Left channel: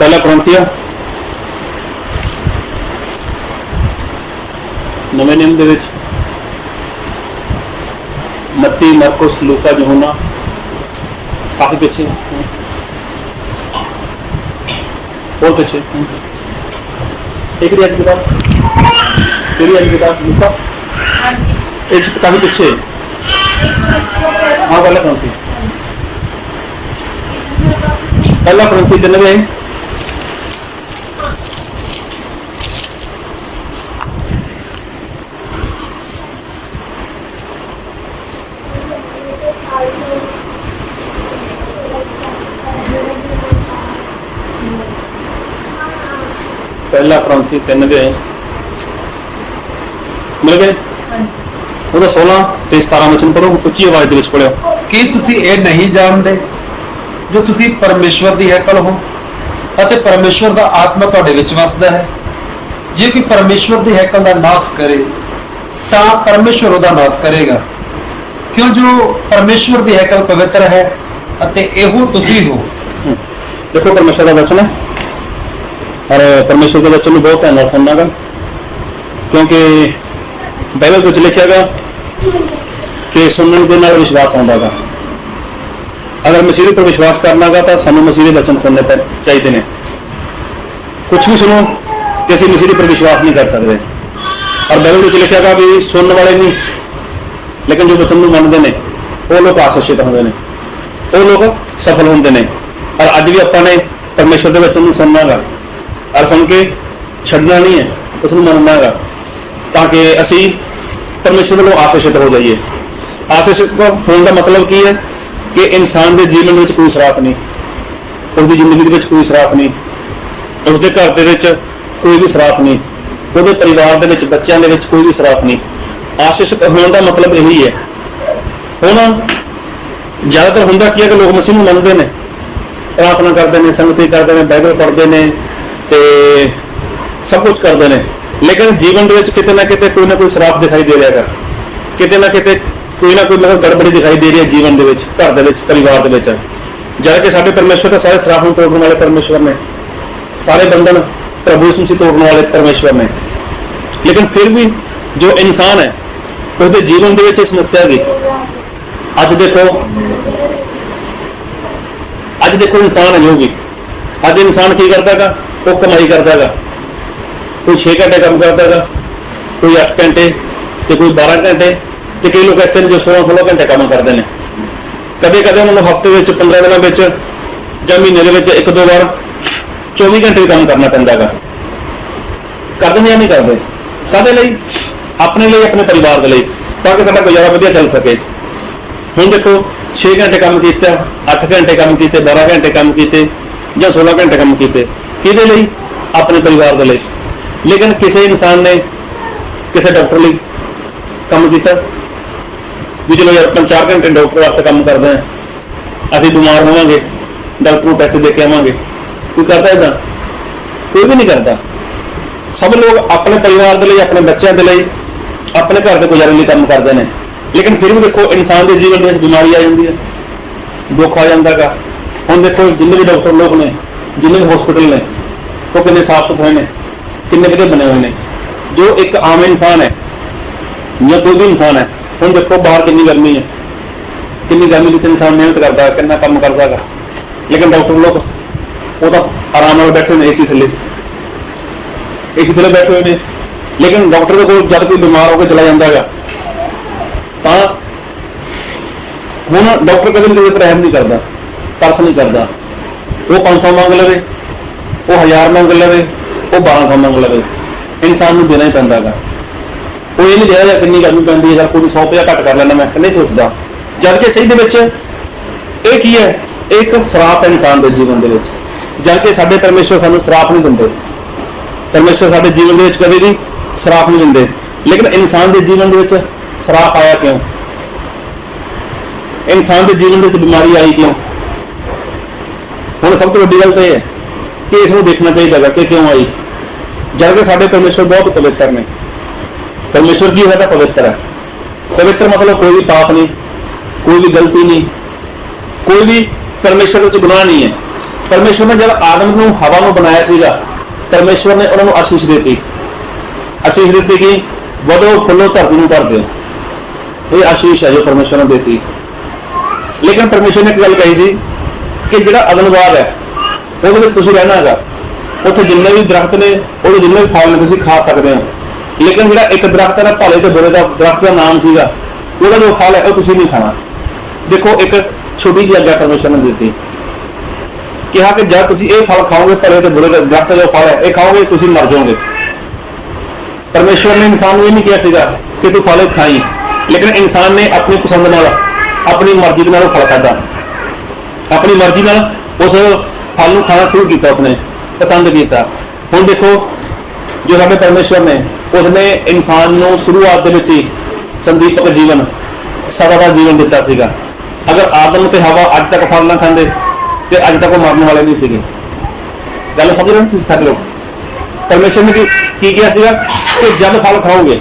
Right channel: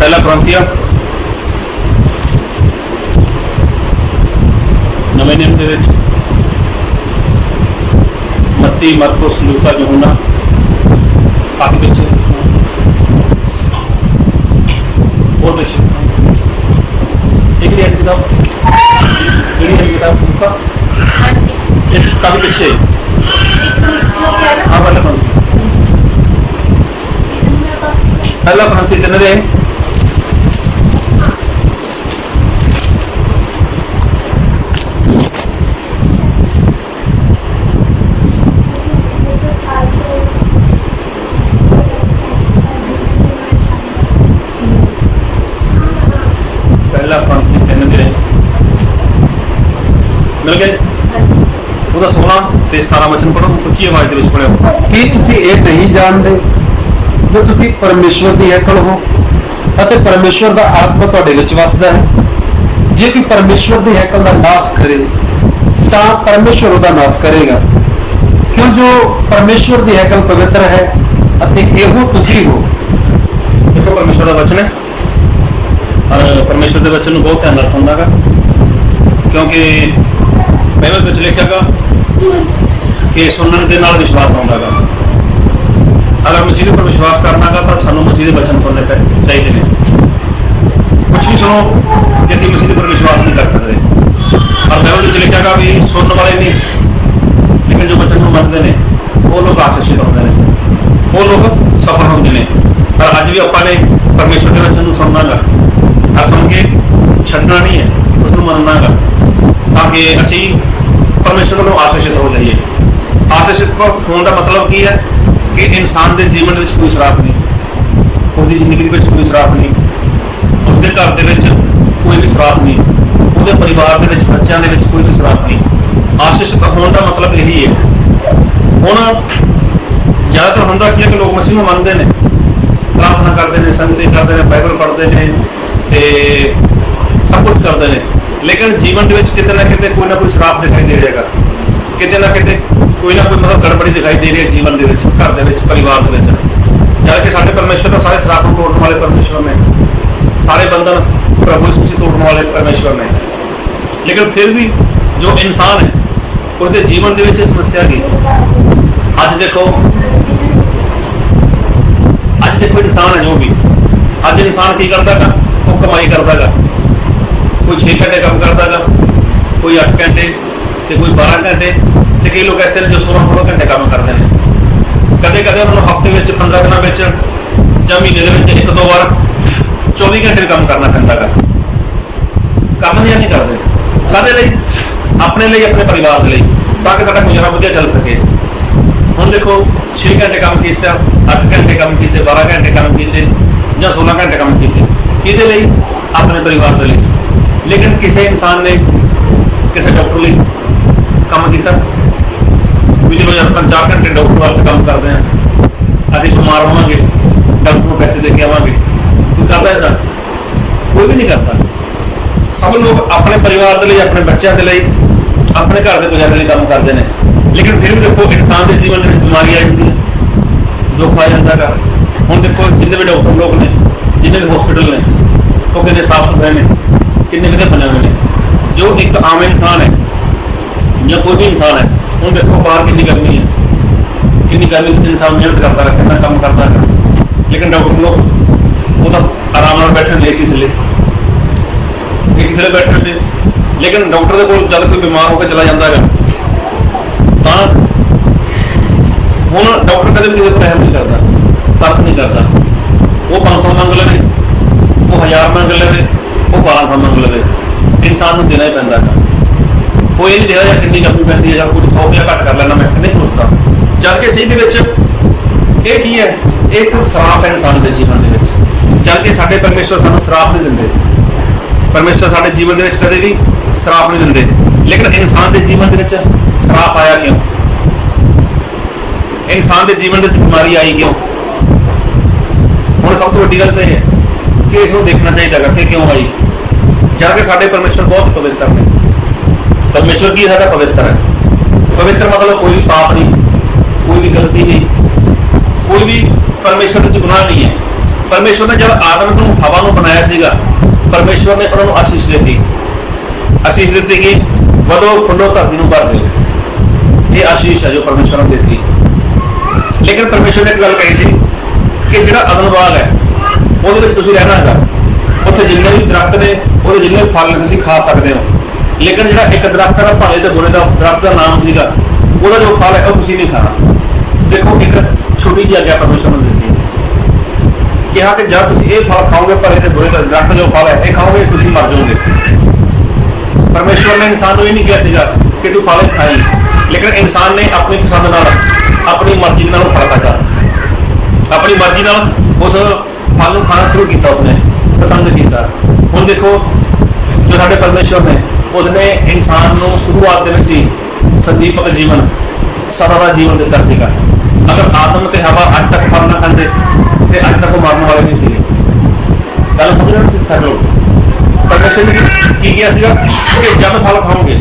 पहला कुरिन्थिया नवे नियम के विच मत्ती, मरकुस, लूका, यूहन्ना, काफी पीछे बहुत पीछे एक किताब लूका एक काफी पीछे हाँ पहला कुरिन्थी तीन दे पहला कुरिन्थी तीन गए मिल गए 16 ਤੇ 17 वचन पढ़ो उच्ची आवाज ਦੇ पढ़ो ਕੀ ਤੁਸੀਂ ਇਹ ਨਹੀਂ ਜਾਣਦੇ ਜੋ ਤੁਸੀਂ ਪਰਮੇਸ਼ਵਰ ਦੀ ਹੈਕਲ ਹੋ ਅਤੇ ਪਰਮੇਸ਼ਵਰ ਦਾ ਆਤਮਾ ਤੁਹਾਡੇ ਵਿੱਚ ਵਸਦਾ ਹੈ। ਜੇ ਕੋਈ ਪਰਮੇਸ਼ਵਰ ਦੀ ਹੈਕਲ ਦਾ ਨਾਸ਼ ਕਰੇ ਤਾਂ ਪਰਮੇਸ਼ਵਰ ਉਹਦਾ ਨਾਸ਼ ਕਰੇਗਾ, ਕਿਉਂ ਜੋ ਪਰਮੇਸ਼ਵਰ ਦੀ ਹੈਕਲ ਪਵਿੱਤਰ ਹੈ ਅਤੇ ਇਹੋ ਤੁਸੀਂ ਹੋ। देखो परमेश्वर का वचन है और परमेश्वर के वचन बहुत ध्यान नाल सुनना गा, क्योंकि पहले कुछ लिखा गा कि सुनने के नाल विश्वास आउंदा गा। अगर मसीह पर विश्वास करना गा तो सानू मसीह के वचन सुनने चाहिए ने। कुछ भी सुनो कि असं मसीह पर विश्वास नहीं कर सकते। और बाइबल में लिखा गा भी सुनने वाले नहीं, लेकिन जो वचन को मनते हैं वो लोग आशीषित होंगे ने, वो लोग सफल होंगे ने। और अज भी अपने परमेश्वर के वचन सुनना गा और सुन के छड़ना नहीं है, उसको मनना गा, ताकि असी परमेश्वर को आशीषित हो जाइए। आशीषित होने का मतलब की है कि इंसान के जीवन में कोई सराफ नहीं, उसकी जिंदगी में कोई सराफ नहीं, उसके घर के कोई भी सराफ नहीं, उसके परिवार के बच्चों के कोई भी सराफ नहीं। आशीषित होने का मतलब यही है। हुण ज़्यादातर होंदा की है कि लोग मसीह को मनते हैं, प्रार्थना करते हैं, संगति करते हैं, बाइबल पढ़ते हैं तो सब कुछ करते हैं, लेकिन जीवन के किते ना किते कोई ना कोई शराब दिखाई दे रहा है, किते ना किते कोई ना कोई मतलब गड़बड़ी दिखाई दे रही है जीवन के घर के परिवार के जबकि साढ़े परमेश्वर तो सारे शराब तोड़ने वाले परमेश्वर ने, सारे बंधन प्रभु यीशु मसीह तोड़ने वाले परमेश्वर ने। लेकिन फिर भी जो इंसान है उसके जीवन के समस्या की अज देखो इंसान है जो भी अज इंसान की करता है, वो कमाई करता है, कोई 6 घंटे काम करता है, कोई 8 घंटे तो कोई 12 घंटे, तो कई लोग ऐसे ने जो 16 घंटे काम करते हैं। कदे कदे उन्होंने हफ्ते में 15 दिनों में या महीने के 1-2 बार 24 घंटे भी काम करना पैंदा है। करते या नहीं करते कदे लिए अपने लिए, अपने परिवार के लिए, ताकि साਡਾ गुजारा वधिया चल सके। हुण देखो 6 घंटे काम किया, 8 घंटे काम किए, 12 घंटे काम किए या 16 घंटे काम किए, किहदे लई? अपने परिवार के लिए। लेकिन किसी इंसान ने किसी डॉक्टर लिए काम किया भी चलो यार 4 घंटे डॉक्टर वास्ते काम करते हैं, असीं बीमार होवांगे डॉक्टर को पैसे दे के आवांगे, कोई करता है? कोई भी नहीं करता। सब लोग अपने परिवार के लिए, अपने बच्चों के लिए, अपने घर के गुजारे लिए काम करते हैं। लेकिन फिर भी देखो इंसान के जीवन में बीमारी आ जाती है, दुख आ जाता है। हम देखो जिन्हें भी डॉक्टर लोग ने, जिन्हें भी हॉस्पिटल ने, वो कितने साफ सुथरे ने, कितने विधि बने हुए हैं। जो एक आम इंसान है या कोई भी इंसान है, हम देखो बाहर कितनी गर्मी है, कितनी गर्मी में इंसान मेहनत करता है, कितना काम करता है, लेकिन डॉक्टर लोग वो तो आराम से बैठे हुए एसी थले बैठे हुए हैं। लेकिन डॉक्टर को जब कोई बीमार होकर चला जाता है तो हूँ डॉक्टर कदम किसी पर रहम नहीं करता, तरस नहीं करता। वो 500 मंग लवे, वो 1000 मंग लवे, वो 1200 मंग लवे, इंसान को देना ही पैंदा है। वो ये नहीं देखा कितनी गर्मी पैंती है या कोई 100 रुपया घट कर लेना, मैं नहीं सोचता। जबकि सही ये की है, एक श्राप है इंसान के जीवन के, जबकि साडे परमेश्वर सानू श्राप नहीं देंगे। परमेश्वर साडे जीवन के कदे भी श्राप नहीं देंगे। लेकिन इंसान के जीवन के श्राप आया क्यों? इंसान के जीवन के बीमारी आई क्यों? हुण सब तो वड्डी गल तो है कि इसको देखना चाहिए कि क्यों आई। जबकि साडे परमेश्वर बहुत पवित्र ने। परमेश्वर की साडा पवित्र है। पवित्र मतलब कोई भी पाप नहीं, कोई भी गलती नहीं, कोई भी परमेश्वर के गुनाह नहीं है। परमेश्वर ने जब आदम को हवा में बनाया सीगा, परमेश्वर ने उन्होंने आशीष दी, आशीष दी कि वधो फुलो धरती में भर दो। ये आशीष है जो परमेश्वर ने दी। लेकिन परमेश्वर ने एक गल कही सी कि जो अदन बाग है वो रहना है, उत्थे जिन्ने भी दरख्त ने वो जिन्ने भी फल ने खा सकते हो, लेकिन जो एक दरख्त है भले तो बुरे का दरख्त का नाम सीगा, वो जो फल है वो नहीं खाना। देखो एक छोटी जी आज्ञा परमेश्वर ने दी, कहा कि जब तुम ये फल खाओगे भले तो बुरे का दरख्त जो फल है ये खाओगे तुम मर जाओगे। परमेश्वर ने इंसान ये नहीं किया सीगा कि तू फल खाई, लेकिन इंसान ने अपनी पसंद नाल अपनी मर्जी के नाल फल खाता, अपनी मर्जी नाल उस फल को खाना शुरू किया, उसने पसंद किया। हुण देखो जो साडे परमेश्वर ने उसने इंसान को शुरुआत के विच ही संदीपक जीवन सदा का जीवन दिता सीगा। अगर आदम ते हवा अज तक फल ना खाते तो अज तक वो मरने वाले नहीं सीगे। गल समझ रहे हो सब लोग? परमेश्वर ने की किया सीगा कि जब फल खाओगे,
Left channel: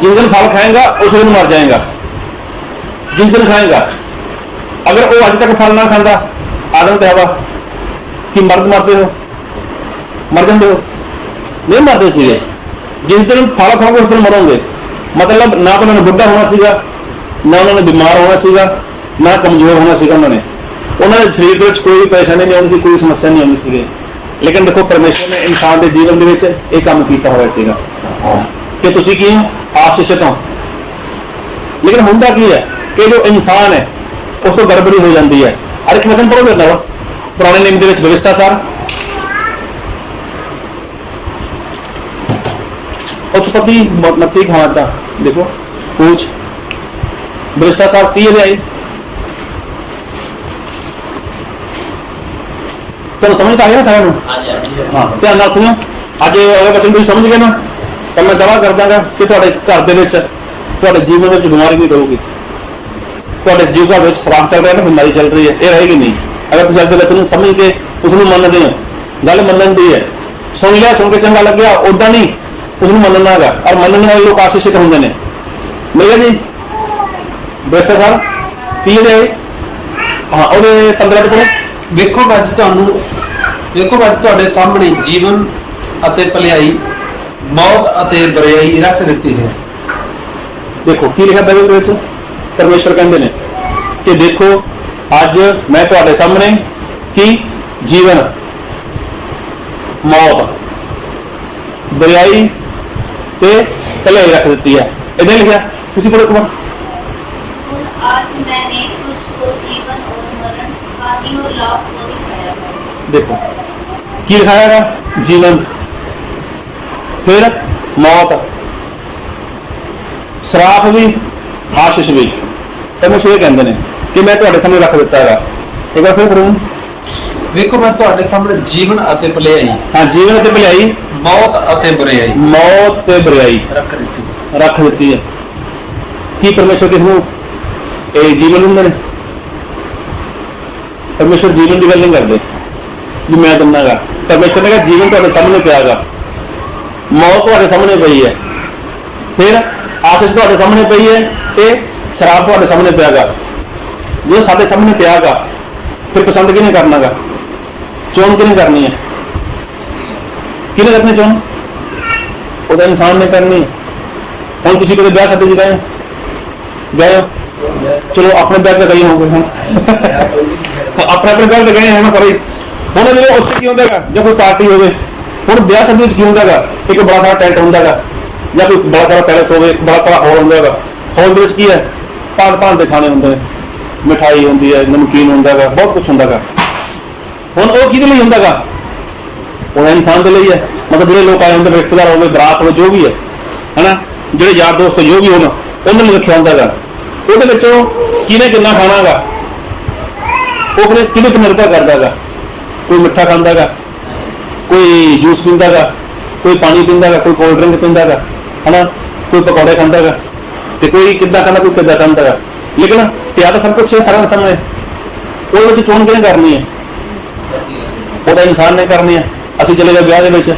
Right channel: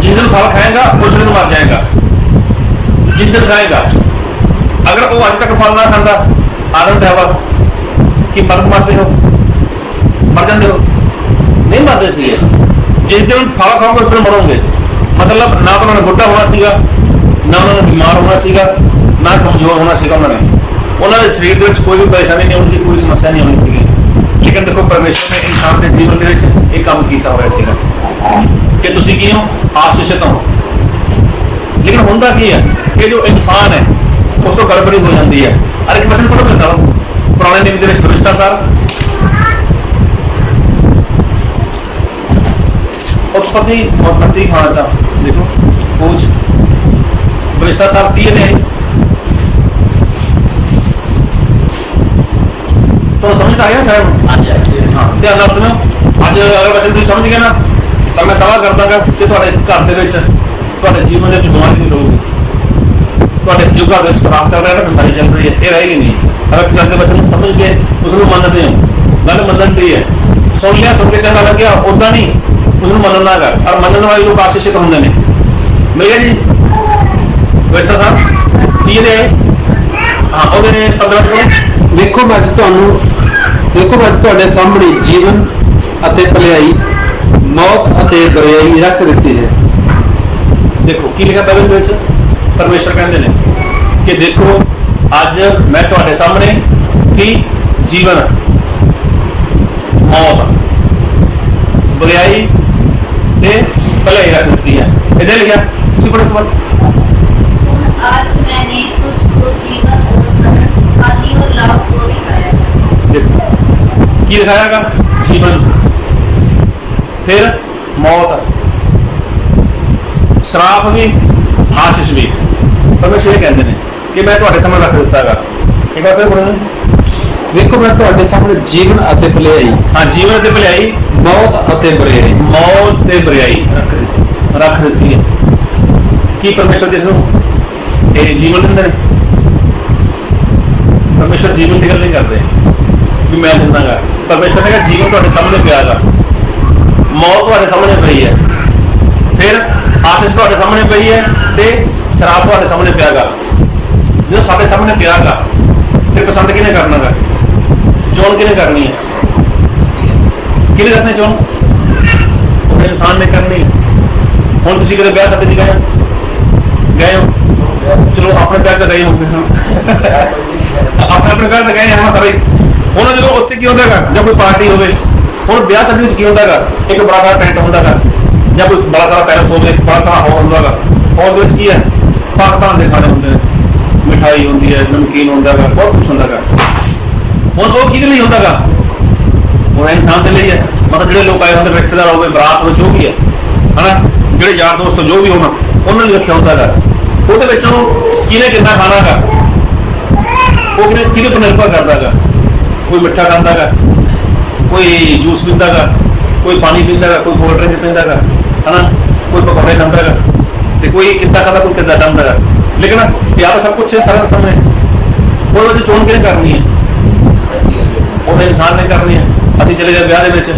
जिस दिन फल खाएगा उस दिन मर जाएगा, जिस दिन खाएगा। अगर वो अज तक फल ना खाता आदम ते हवा कि मरते हो, मर जाते हो? नहीं मरते सीगे। जिस दिन फल खाओगे उस दिन मरोगे। मतलब ना तो उन्होंने बुढ़ा होना सीगा, ना उन्होंने बीमार होना सीगा, ना कमजोर होना सीगा। उन्होंने शरीर के कोई भी परेशानी नहीं होनी सी, कोई समस्या नहीं होनी सी। लेकिन देखो परमेश्वर ने इंसान के जीवन के काम किया हुआ सीगा कि तुसी की हो आशीषित हो। लेकिन होंदा की है कि जो इंसान है उस तो गड़बड़ी हो जाती है। अरे एक वचन पढ़ो मेरे पुराने नियम के बलिष्ठा सार उत्पत्ति 29 खान का देखो पूछ बलिष्ठा सार की है तो समझ आ गया सारे। हाँ ध्यान नाल सुनो। अज अगर बच्चों तुम समझ गए ना तो मैं दावा कर दांगा कि घर के जीवन में बीमारी भी करूगी, जीव घर में शराब चल रहा है ना, बीमारी चल रही है, ये रहेगी नहीं। अगर तुम अपने बच्चे समझ के उसको मनते हो, गल मनन की है। सुन लिया, सुन के चंगा लग गया, उदा नहीं उसको मनना है। और मनने वाले लोग आशीषित होंगे ने। मिल गया जी व्यवस्था साहब की है। हाँ और 15 को ਵੇਖੋ ਅੱਜ ਤੁਹਾਡੇ ਸਾਹਮਣੇ ਜੀਵਨ ਅਤੇ ਭਲਾਈ, मौत ਅਤੇ ਬੁਰਾਈ ਰੱਖ ਦਿੱਤੀ है। देखो की लिखा बाइबल के विच परमेश्वर कहते हैं कि देखो अज मैं तुहाडे सामने की जीवन, मौत, बुराई ते भलाई रख दी है। इधर लिखा तुसी पढ़ो एक बार। आज मैंने तुझको जीवन और मरण, हानि और लाभ को दिखाया है। देखो की लिखाया जीवन, फिर मौत, श्राप भी, आशीष भी। परमेश्वर कहते हैं कि मैं तुहाडे सामने रख दिता है। एक बार फिर बोलो। ਵੇਖੋ मैं ਤੁਹਾਡੇ सामने जीवन ਅਤੇ ਭਲਾਈ, हाँ जीवन ਅਤੇ भलाई, मौत ਅਤੇ बुराई मौत ते बुराई रख दी है। की परमेश्वर किसनू जीवन दिंदे ने? परमेश्वर जीवन की गल नहीं करते कि मैं दिंदागा। परमेश्वर ने कहा जीवन तुहाडे सामने पियागा, मौत तुहाडे सामने पई है, फिर आशीष तुहाडे सामने पई है, ते शराब तुहाडे सामने पियागा। जो साडे सामने पियागा फिर पसंद किने करनागा? चोन किने करनी है? किने करनी चोन? वो तो इंसान ने करनी। हम किसी कदे ब्याह शादी गए हो, चलो अपने ब्याह तो गए होंगे, अपने ब्याह तो गए हैं सारे। हम जो उत्थे की होंदा जब कोई पार्टी हो, हम ब्याह शादी की होंदा एक बड़ा सारा टेंट होंदा या कोई बड़ा सारा पैलेस हो, बड़ा सारा हॉल होंदा। हॉल की है भाग भाग के खाने होंगे, मिठाई होंगी है, नमकीन होंदा, बहुत कुछ होंदा। हुण वो किहदे लई होंदा? वो इंसान के लिए है। मतलब जो लोग आए होंगे, रिश्तेदार हो गए, बरात हो, जो भी है ना, जो यार दोस्त जो भी होना उन्होंने रखा होंगे। वो किने कितना खाना गा वो कि पर निर्भर करता है। कोई मिठा खाता गा, कोई जूस पीता गा, कोई पानी पीता गा, कोई कोल्ड ड्रिंक पीता गा, है ना, कोई पकौड़े खाता गा, तो कोई किदा खाता, कोई किदा खाता गा। लेकिन या तो सब कुछ है सारा सामने। वो चोन किने करनी है? वो तो इंसान ने करनी है। असं चले जाए ब्याह के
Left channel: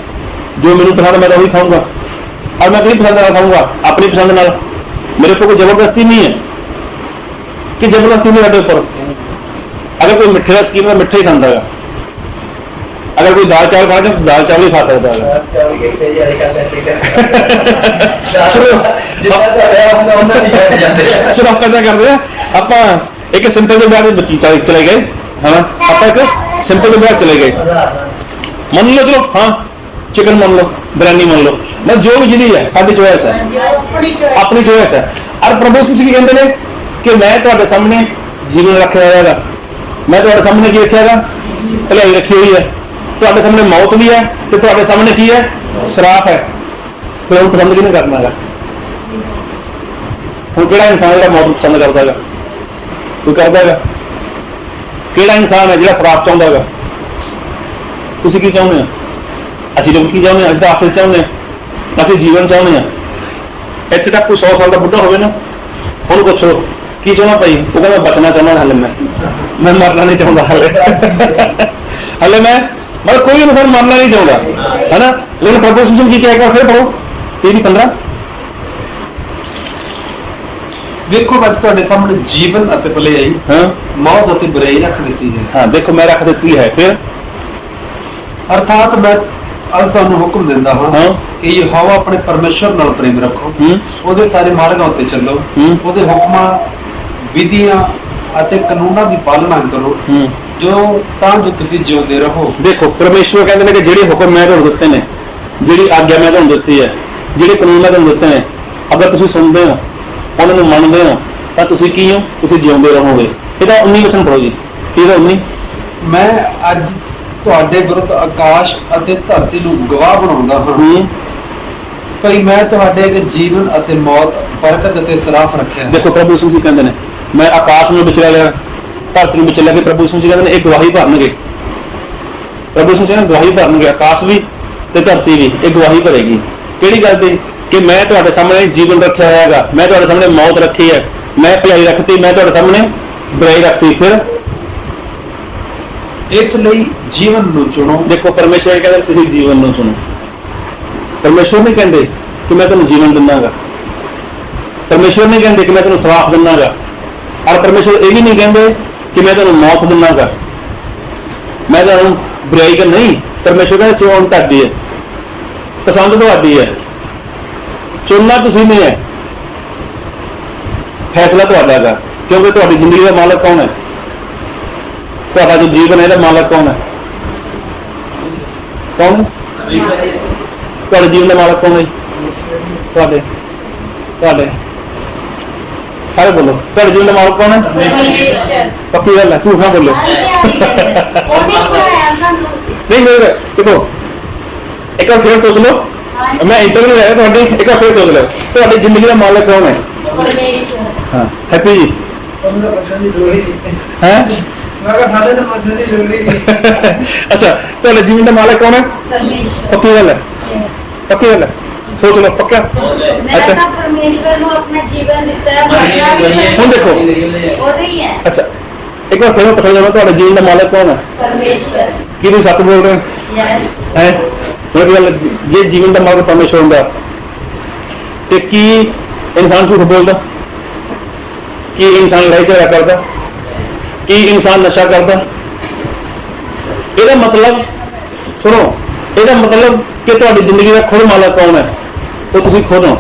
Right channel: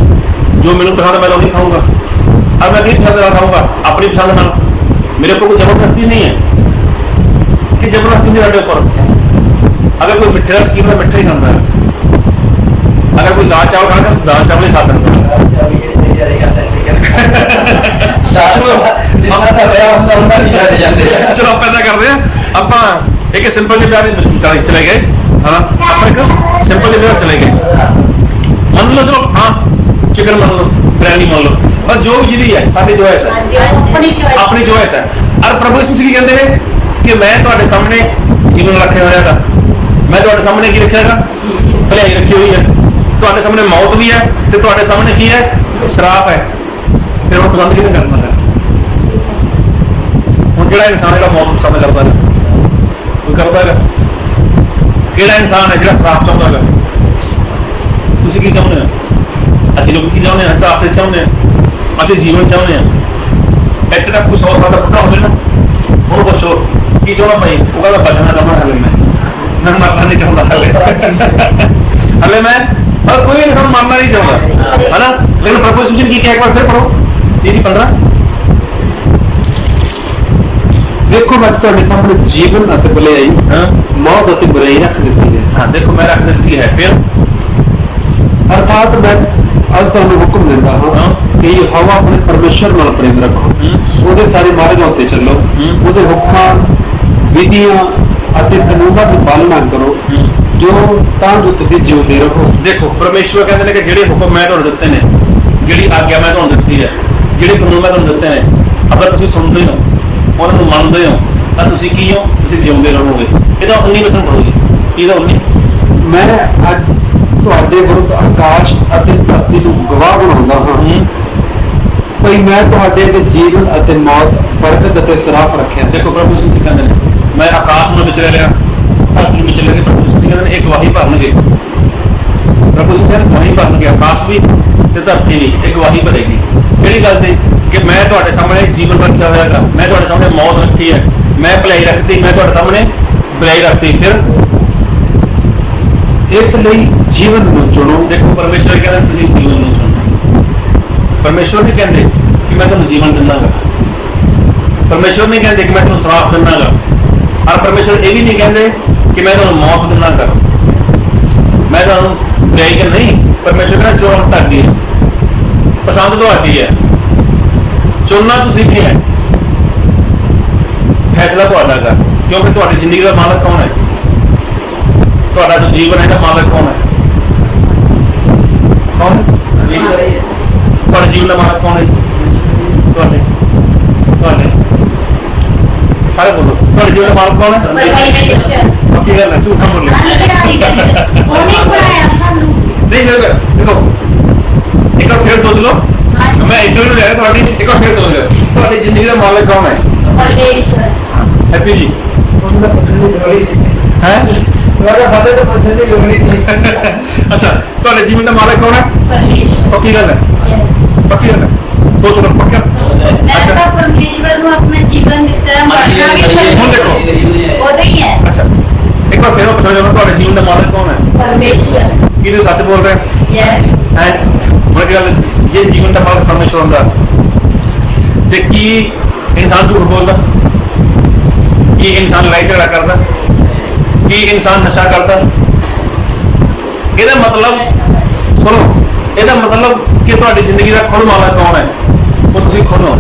जो मैंने पसंद मैं वही खाऊंगा, और मैं अपनी पसंद नाल खाऊंगा, अपनी पसंद नाल। मेरे ऊपर कोई जबरदस्ती नहीं है कि जबरदस्ती नहीं साढ़े उपर। अगर कोई मिठे का शकीन है मिठा ही खाता है, अगर कोई दाल चावल खाते तो दाल चावल ही खा सकता है। चलो आप ऐसा करते हैं, आप एक सिंपल से ब्याह चले गए है ना, आप एक सिंपल से ब्याह चले गए, मान लो चलो हाँ चिकन मान लो, बिरयानी मान लो, बस जो भी जिंदगी है साडी चॉइस है, अपनी चॉइस है। और प्रभु यीशु मसीह कहते हैं कि मैं ਤੁਹਾਡੇ सामने जीवन रखे होएगा, मैं ਤੁਹਾਡੇ सामने की रखेगा, भलाई रखी हुई है, ਤੁਹਾਡੇ सामने मौत भी है तो ਤੁਹਾਡੇ सामने की है, श्राप है। फिर हम पसंद किहने करना है? ਹੁਣ ਜਿਹੜਾ ਇਨਸਾਨ ਹੈਗਾ ਮੌਤ ਪਸੰਦ ਕਰਦਾ ਹੈਗਾ, ਕੋਈ ਕਰਦਾ ਹੈਗਾ? ਕਿਹੜਾ ਇਨਸਾਨ ਹੈ ਜਿਹੜਾ ਸ਼ਰਾਪ ਚਾਹੁੰਦਾ ਹੈਗਾ? ਤੁਸੀਂ ਕੀ ਚਾਹੁੰਦੇ ਹੋ? ਅਸੀਂ ਲੋਕ ਕੀ ਚਾਹੁੰਦੇ ਹਾਂ? ਅਸੀਂ ਤਾਂ ਆਸੀਸ ਚਾਹੁੰਦੇ ਹਾਂ, ਅਸੀਂ ਜੀਵਨ ਚਾਹੁੰਦੇ ਹਾਂ। ਇੱਥੇ ਤੱਕ ਕੋਈ 100 ਸਾਲ ਦਾ ਬੁੱਢਾ ਹੋਵੇ ਨਾ, ਉਹਨੂੰ ਪੁੱਛੋ ਕੀ ਚਾਹੁੰਦਾ ਭਾਈ, ਉਹ ਕਹਿੰਦਾ ਬਚਣਾ ਚਾਹੁੰਦਾ, ਹਲੇ ਮੈਂ ਮਰਨਾ ਨਹੀਂ ਚਾਹੁੰਦਾ, ਹਲੇ ਮੈਂ मतलब कोई इंसान मानना नहीं चाहता है ना। लेकिन प्रपोजिशन की क्या, एक बार फिर पढ़ो 13-15। देखो मैं ਤੁਹਾਡੇ सामने जीवन ਅਤੇ ਭਲਾਈ, मौत ਅਤੇ बुराई रख ਦਿੱਤੀ है। हाँ देखो मैं रख देती है, फिर अर्थात मैं ਅੱਜ ਤੁਹਾਨੂੰ ਹੁਕਮ ਦਿੰਦਾ ਹਾਂ ਕਿ ਯਹੋਵਾ ਆਪਣੇ ਪਰਮੇਸ਼ਰ ਨਾਲ ਪ੍ਰੇਮ ਰੱਖੋ, ਉਹਦੇ ਸਾਰੇ ਮਾਰਗਾਂ ਉੱਤੇ ਚੱਲੋ, ਉਹਦੇ ਹੁਕਮਾਂ ਵਿਧੀਆਂ ਅਤੇ ਕਾਨੂੰਨਾਂ ਦੀ ਪਾਲਣਾ ਕਰੋ, ਜੋ ਤਾਂ ਜੋ ਤੁਸੀਂ ਜਿਉਂਦੇ ਰਹੋ। देखो परमेश्वर कहते हैं कि ਜਿਹੜੇ ਹੁਕਮ ਮੈਂ ਤੁਹਾਨੂੰ ਦਿੱਤੇ ਨੇ, ਜਿਹੜੀ ਆਗਿਆ ਮੈਂ ਤੁਹਾਨੂੰ ਦਿੱਤੀ ਹੈ, ਜਿਹੜੇ ਕਾਨੂੰਨ ਮੈਂ ਤੁਹਾਨੂੰ ਦਿੱਤੇ ਨੇ, ਅਗਰ ਤੁਸੀਂ ਸੁਣਦੇ ਹੋ, ਉਹਨਾਂ ਨੂੰ ਮੰਨਦੇ ਹੋ, ਤਾਂ ਤੁਸੀਂ ਕੀ ਹੋ? ਤੁਸੀਂ ਜਿਉਂਦੇ ਰਹੋਗੇ। ਇਹਦਾ 19 ਵਚਨ ਪੜ੍ਹੋ ਜੀ, ਇਹਦਾ 19। ਮੈਂ ਅੱਜ ਤੁਹਾਡੇ ਵਿਰੁੱਧ ਆਕਾਸ਼ ਅਤੇ ਧਰਤੀ ਨੂੰ ਗਵਾਹ ਬਣਾਉਂਦਾ ਹਾਂ ਭਈ ਮੈਂ ਤੁਹਾਡੇ ਅੱਗੇ ਜੀਵਨ ਅਤੇ ਮੌਤ, ਬਰਕਤ ਅਤੇ ਸਰਾਫ ਰੱਖਿਆ। ਦੇਖੋ ਪ੍ਰਭੂ ਯਿਸੂ ਮਸੀਹ ਕਹਿੰਦੇ ਨੇ ਮੈਂ ਆਕਾਸ਼ ਨੂੰ ਵਿਚ ਲੈ ਲਿਆ, ਧਰਤੀ ਨੂੰ ਵਿਚ ਲੈ ਕੇ, ਪ੍ਰਭੂ ਯਿਸੂ ਮਸੀਹ ਕਹਿੰਦੇ ਨੇ ਇਹ ਗਵਾਹੀ ਭਰਨਗੇ। ਪ੍ਰਭੂ ਯਿਸੂ ਮਸੀਹ ਗਵਾਹੀ ਭਰਨਗੇ, ਆਕਾਸ਼ ਵੀ ਤੇ ਧਰਤੀ ਵੀ ਇਹ ਗਵਾਹੀ ਭਰੇਗੀ। ਕਿਹੜੀ ਗੱਲ ਦੀ? ਕਿ ਮੈਂ ਤੁਹਾਡੇ ਸਾਹਮਣੇ ਜੀਵਨ ਰੱਖਿਆ ਹੋਇਆ ਹੈਗਾ, ਮੈਂ ਤੁਹਾਡੇ ਸਾਹਮਣੇ ਮੌਤ ਰੱਖੀ ਹੈ, ਮੈਂ ਭਲਾਈ ਰੱਖਤੀ, ਮੈਂ ਤੁਹਾਡੇ ਸਾਹਮਣੇ ਬੁਰਾਈ ਰੱਖਤੀ। ਫਿਰ ਇਸ ਲਈ ਜੀਵਨ ਨੂੰ ਚੁਣੋ। ਦੇਖੋ ਪਰਮੇਸ਼ਵਰ ਕਹਿੰਦਾ ਤੁਸੀਂ ਜੀਵਨ ਨੂੰ ਚੁਣੋ। ਪਰਮੇਸ਼ਵਰ ਨਹੀਂ ਕਹਿੰਦੇ ਕਿ ਮੈਂ ਤੁਹਾਨੂੰ ਜੀਵਨ ਦਿੰਦਾਗਾ, ਪਰਮੇਸ਼ਵਰ ਨਹੀਂ ਕਹਿੰਦੇ ਕਿ ਮੈਂ ਤੁਹਾਨੂੰ ਸ਼ਰਾਪ ਦਿੰਦਾਗਾ, ਔਰ ਪਰਮੇਸ਼ਵਰ ਇਹ ਵੀ ਨਹੀਂ ਕਹਿੰਦੇ ਕਿ ਮੈਂ ਤੁਹਾਨੂੰ ਮੌਤ ਦਿੰਦਾਗਾ, ਮੈਂ ਤੁਹਾਨੂੰ ਬੁਰਾਈ ਤਾਂ ਨਹੀਂ। ਪਰਮੇਸ਼ਵਰ ਕਹਿੰਦਾ ਚੋਣ ਤੁਹਾਡੀ ਹੈ, ਪਸੰਦ ਤੁਹਾਡੀ ਹੈ, ਚੁਣਨਾ ਤੁਸੀਂ ਨਹੀਂ ਹੈ, ਫੈਸਲਾ ਤੁਹਾਡਾ ਹੈਗਾ। ਕਿਉਂਕਿ ਤੁਹਾਡੀ ਜ਼ਿੰਦਗੀ ਦਾ ਮਾਲਕ ਕੌਣ ਹੈ? ਤੁਹਾਡਾ ਜੋ ਜੀਵਨ ਹੈ ਇਹਦਾ ਮਾਲਕ ਕੌਣ ਹੈ? ਕੌਣ? ਤੁਹਾਡੇ ਜੀਵਨ ਦਾ ਮਾਲਕ ਕੌਣ ਹੈ? ਤੁਹਾਡੇ ਤੁਹਾਡੇ ਸਾਰੇ ਬੋਲੋ, ਤੁਹਾਡੇ ਜੀਵਨ ਦਾ ਮਾਲਕ ਕੌਣ ਹੈ? ਪੱਕੀ ਗੱਲ ਹੈ, ਝੂਠ ਨਾ ਬੋਲੋ। ਨਹੀਂ ਮੇਰੇ ਦੇਖੋ ਇੱਕ ਵਾਰ ਫਿਰ ਸੋਚ ਲਓ, ਮੈਂ ਇੰਟਰਵਿਊ ਲੈ ਰਿਹਾ ਤੁਹਾਡੇ, ਇੱਕ ਵਾਰ ਫਿਰ ਸੋਚ ਲਓ ਤੁਹਾਡੀ ਜ਼ਿੰਦਗੀ ਦਾ ਮਾਲਕ ਕੌਣ ਹੈ? ਹਾਂ ਹੈਪੀ ਜੀ ਹੈ? अच्छा ਤੁਹਾਡੇ ਜੀਵਨ ਦਾ ਮਾਲਕ ਕੌਣ ਹੈ? ਪਰਮੇਸ਼ਵਰ। ਪੱਕੀ ਗੱਲ ਹੈ, ਪੱਕੀ ਗੱਲ ਹੈ, ਸੋਚ ਲਓ ਪੱਕਾ। ਅੱਛਾ ਪਰਮੇਸ਼ਵਰ ਨੂੰ ਆਪਣਾ ਜੀਵਨ ਦਿੱਤਾ ਹੈ, ਮਰਨਾ ਵੀ ਹੁਣ ਦੇਖੋ ਉਹਦਾ ਹੀ ਹੈ। ਅੱਛਾ ਇੱਕ ਵਾਰ ਫਿਰ ਪੁੱਛਣਾ ਚਾਹੁੰਦਾ ਤੁਹਾਡੇ ਜੀਵਨ ਦਾ ਮਾਲਕ ਕੌਣ ਹੈ? ਪਰਮੇਸ਼ਵਰ। ਕੀ ਤੁਸੀਂ ਸੱਚ ਬੋਲ ਰਹੇ ਹੋ? ਯੈਸ ਹੈ ਥੋੜੀ ਗੱਲ, ਇਹ ਜੀਵਨ ਦਾ ਮਾਲਕ ਪਰਮੇਸ਼ਵਰ ਹੁੰਦਾ ਤੇ ਕੀ ਇਨਸਾਨ ਝੂਠ ਬੋਲਦਾ? ਕੀ ਇਨਸਾਨ ਲੜਾਈ ਝਗੜਾ ਕਰਦਾ? ਕੀ ਇਨਸਾਨ ਨਸ਼ਾ ਕਰਦਾ? ਇਹਦਾ ਮਤਲਬ ਸੁਣੋ, ਇਹਦਾ ਮਤਲਬ ਕਿ ਤੁਹਾਡੀ ਜ਼ਿੰਦਗੀ ਦਾ ਖੁਦ ਮਾਲਕ ਕੌਣ ਹੈ? ਉਹ ਤੁਸੀਂ ਖੁਦ ਹੋ।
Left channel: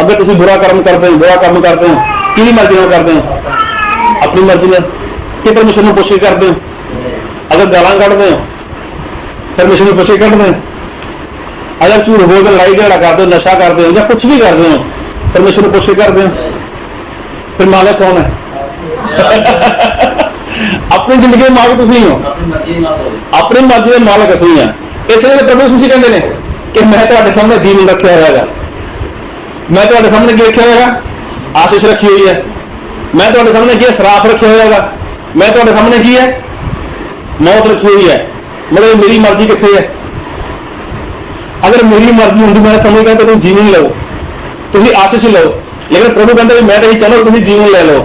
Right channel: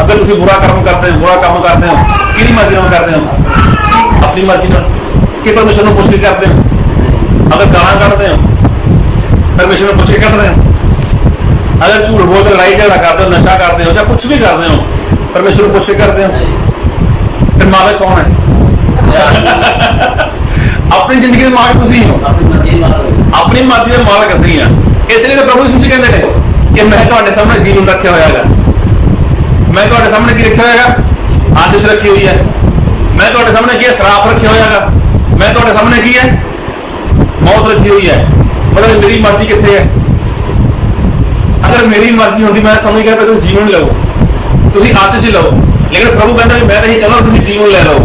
ਅਗਰ ਤੁਸੀਂ ਬੁਰਾ ਕੰਮ ਕਰਦੇ ਹੋ, ਬੁਰਾ ਕੰਮ ਕਰਦੇ ਹੋ, ਕਿਹਦੀ ਮਰਜ਼ੀ ਨਾਲ ਕਰਦੇ ਹੋ? ਆਪਣੀ ਮਰਜ਼ੀ ਨਾਲ। ਕਿ ਪਰਮੇਸ਼ਰ ਨੂੰ ਪੁੱਛ ਕੇ ਕਰਦੇ ਹੋ? ਅਗਰ ਗਾਲਾਂ ਕੱਢਦੇ ਹੋ, ਪਰਮੇਸ਼ਰ ਨੂੰ ਪੁੱਛ ਕੇ ਕੱਢਦੇ ਹੋ? ਅਗਰ ਝੂਠ ਬੋਲ ਕੇ ਲੜਾਈ ਝਗੜਾ ਕਰਦੇ ਹੋ, ਨਸ਼ਾ ਕਰਦੇ ਹੋ ਜਾਂ ਕੁਛ ਵੀ ਕਰਦੇ ਹੋ, ਪਰਮੇਸ਼ਰ ਨੂੰ ਪੁੱਛ ਕੇ ਕਰਦੇ ਹੋ? ਫਿਰ ਮਾਲਕ ਕੌਣ ਹੈ? अपनी जिंदगी के मालिक तुसीं हो, अपनी मर्जी के मालिक असीं हां। इसलिए तो प्रभु यीशु कहते हैं कि मैं तुहाडे सामने जीवन रखा होया है, मैं तुहाडे सामने की रखा होया है? आशीष रखी हुई है। मैं तुहाडे सामने की श्राप रखा होया है? मैं तुहाडे सामने की है? मौत रखी हुई है। मतलब मेरी मर्जी कित्थे है? अगर मेरी मर्जी होंदी मैं तुहानूं कहता तुसीं जीवन लो, तुसीं आशीष ही लो। लेकिन प्रभु कहता मैं तो चलो तुसीं जीवन ले लो।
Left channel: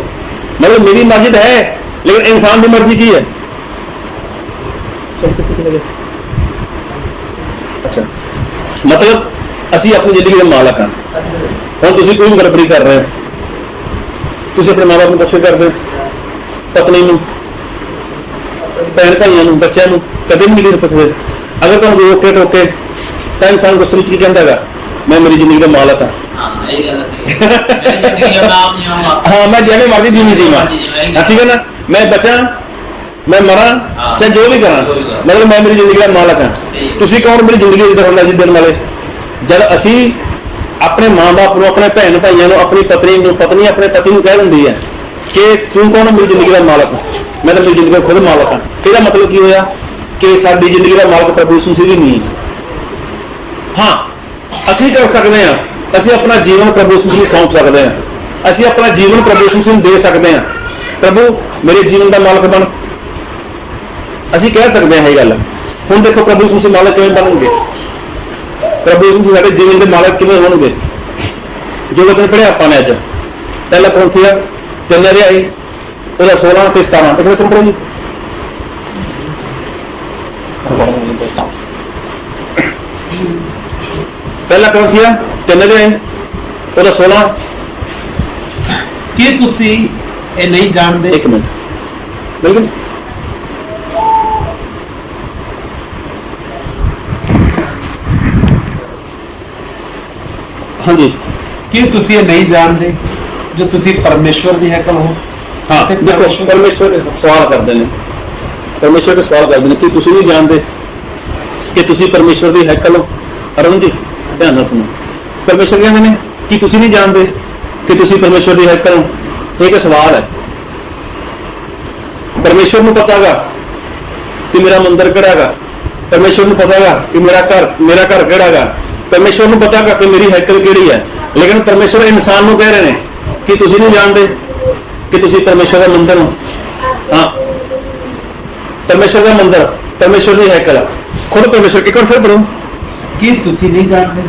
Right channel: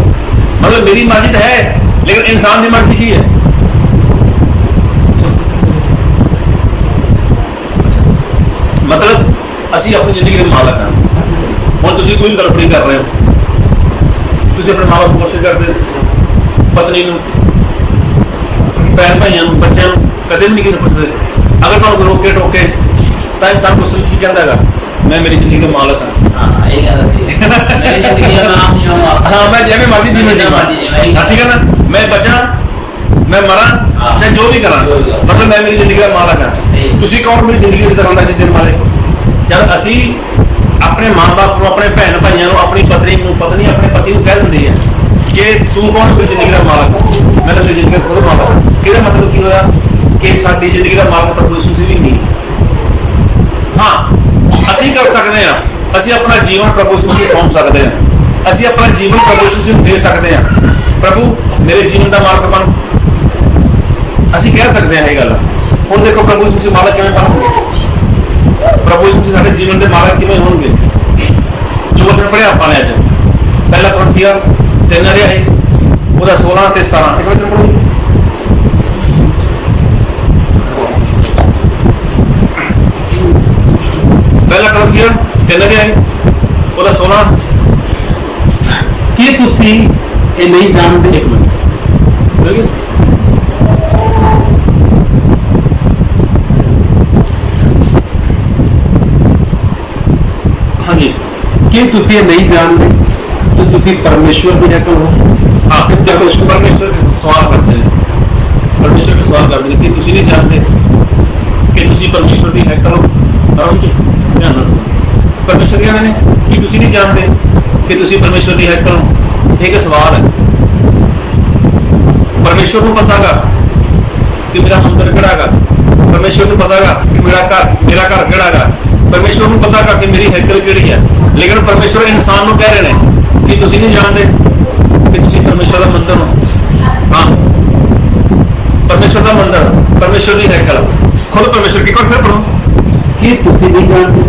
मतलब मेरी मर्जी तो है, लेकिन इंसान की मर्जी की है? अच्छा मतलब असी अपनी जिंदगी के मालक हैं। हम तुसीं कोई गड़बड़ी कर रहे हो, तुसीं अपने माँ बाप को पुछ के करते, पत्नी नूं ਭੈਣ ਭਾਈਆਂ ਨੂੰ, ਬੱਚਿਆਂ ਨੂੰ ਕਦੇ ਵੀ ਨਹੀਂ ਕਿਸੇ ਪੁੱਛਦੇ। ਅਗਰ ਤੁਹਾਨੂੰ ਰੋਕੇ ਟੋਕੇ ਤਾਂ ਇਨਸਾਨ ਗੁੱਸੇ ਵਿੱਚ ਕੀ ਕਹਿੰਦਾ ਹੈਗਾ, ਮੈਂ ਮੇਰੀ ਜ਼ਿੰਦਗੀ ਦਾ ਮਾਲਕ ਹਾਂ। हाँ मैं जिवें मर्जी जीवन जीवा, ठीक है ना, मैं बचा मैं मरा चाहे जो भी करा, मतलब मैं मेरी जिंदगी का मालक हाँ। तुसी कौन मेरी जिंदगी जिद्दां होंदा जिस दिन वाले जब असी अपने माँ बाप को, अपने भैन भाइयों को, अपनी पत्नी अपने पति को कह दिंदी है कि तू कौन मेरी जिंदगी का मालक, मैं तो मेरी जिंदगी का खुद मालक हाँ। इसका मतलब की होया कि साडी जिंदगी का मालक प्रभु यीशु मसीह भी नहीं है। हाँ असी कर सकते हैं, ਅਸੀਂ ਆਪਣਾ ਜੀਵਨ ਪ੍ਰਭੂ ਯਿਸੂ ਨੂੰ ਸੌਂਪ ਸਕਦੇ ਹਾਂ, ਅਸੀਂ ਆਪਣਾ ਜੀਵਨ ਪ੍ਰਭੂ ਯਿਸੂ ਨੂੰ ਦੇ ਸਕਦੇ ਹਾਂ, ਪ੍ਰਭੂ ਮੇਰੇ ਜੀਵਨ ਦਾ ਮਾਲਕ ਬਣ, ਅਸੀਂ ਕਹਿ ਸਕਦੇ ਹਾਂ ਇਹ ਗੱਲ। ਹੁਣ ਦੇਖੋ ਪ੍ਰਭੂ ਯਿਸੂ ਮਾਲਕ ਕਿਵੇਂ ਬਣਨਗੇ, ਪ੍ਰਭੂ ਯਿਸੂ ਸਾਡੇ ਜੀਵਨ ਦੇ ਮਾਲਕ ਕਿਵੇਂ ਹੋਣਗੇ। ਜੋ ਵਚਨ ਪੜ੍ਹਿਆ ਆਪਾਂ ਨੇ ਅੱਜ ਪਹਿਲਾ ਕੋਰਿੰਥੀਆਂ 3 ਅਧਿਆਇ ਉਹਦਾ 16 ਤੇ 17 ਇੱਕ ਵਚਨ ਪੜ੍ਹੋ ਜੀ। ਪਹਿਲਾ ਕੋਰਿੰਥੀਆਂ 3 ਅਧਿਆਇ ਉਹਦਾ 16। ਕੀ ਤੁਸੀਂ ਇਹ ਨਹੀਂ ਜਾਣਦੇ? ਇੱਕ ਮਿੰਟ ਬਿਲਕੁਲ ਹਾਂਜੀ। ਕੀ ਤੁਸੀਂ ਇਹ ਨਹੀਂ ਜਾਣਦੇ ਜੋ ਤੁਸੀਂ ਪਰਮੇਸ਼ਵਰ ਦੀ ਹੈਕਲ ਹੋ? हाँ देखो परमेश्वर के सवाल करते हैं, परमेश्वर के सवाल करते हैं कि तुसी नहीं जानते कि तुसी परमेश्वर की हैकल हो। अरुण जी ध्यान नाल सुनो, परमेश्वर कहते हैं कि तुसी नहीं जानते कि तुसी परमेश्वर की हैकल हो। एक सवाल है, परमेश्वर को पता गा कि मेरा मंदिर केड़ा गा, परमेश्वर को पता गा कि मेरा घर केड़ा गा, परमेश्वर को पता गा कि मेरी हैकल केड़ी है। लेकिन परमेश्वर इंसान को कह रहे हैं कि तुसी नहीं जानते कि तुसी परमेश्वर का मंदिर हो। हाँ परमेश्वर का मंदिर, परमेश्वर की हैकल, खुद परमेश्वर की फिर पढ़ो ਕੀ ਤੁਸੀਂ ਨਹੀਂ ਜਾਣਦੇ,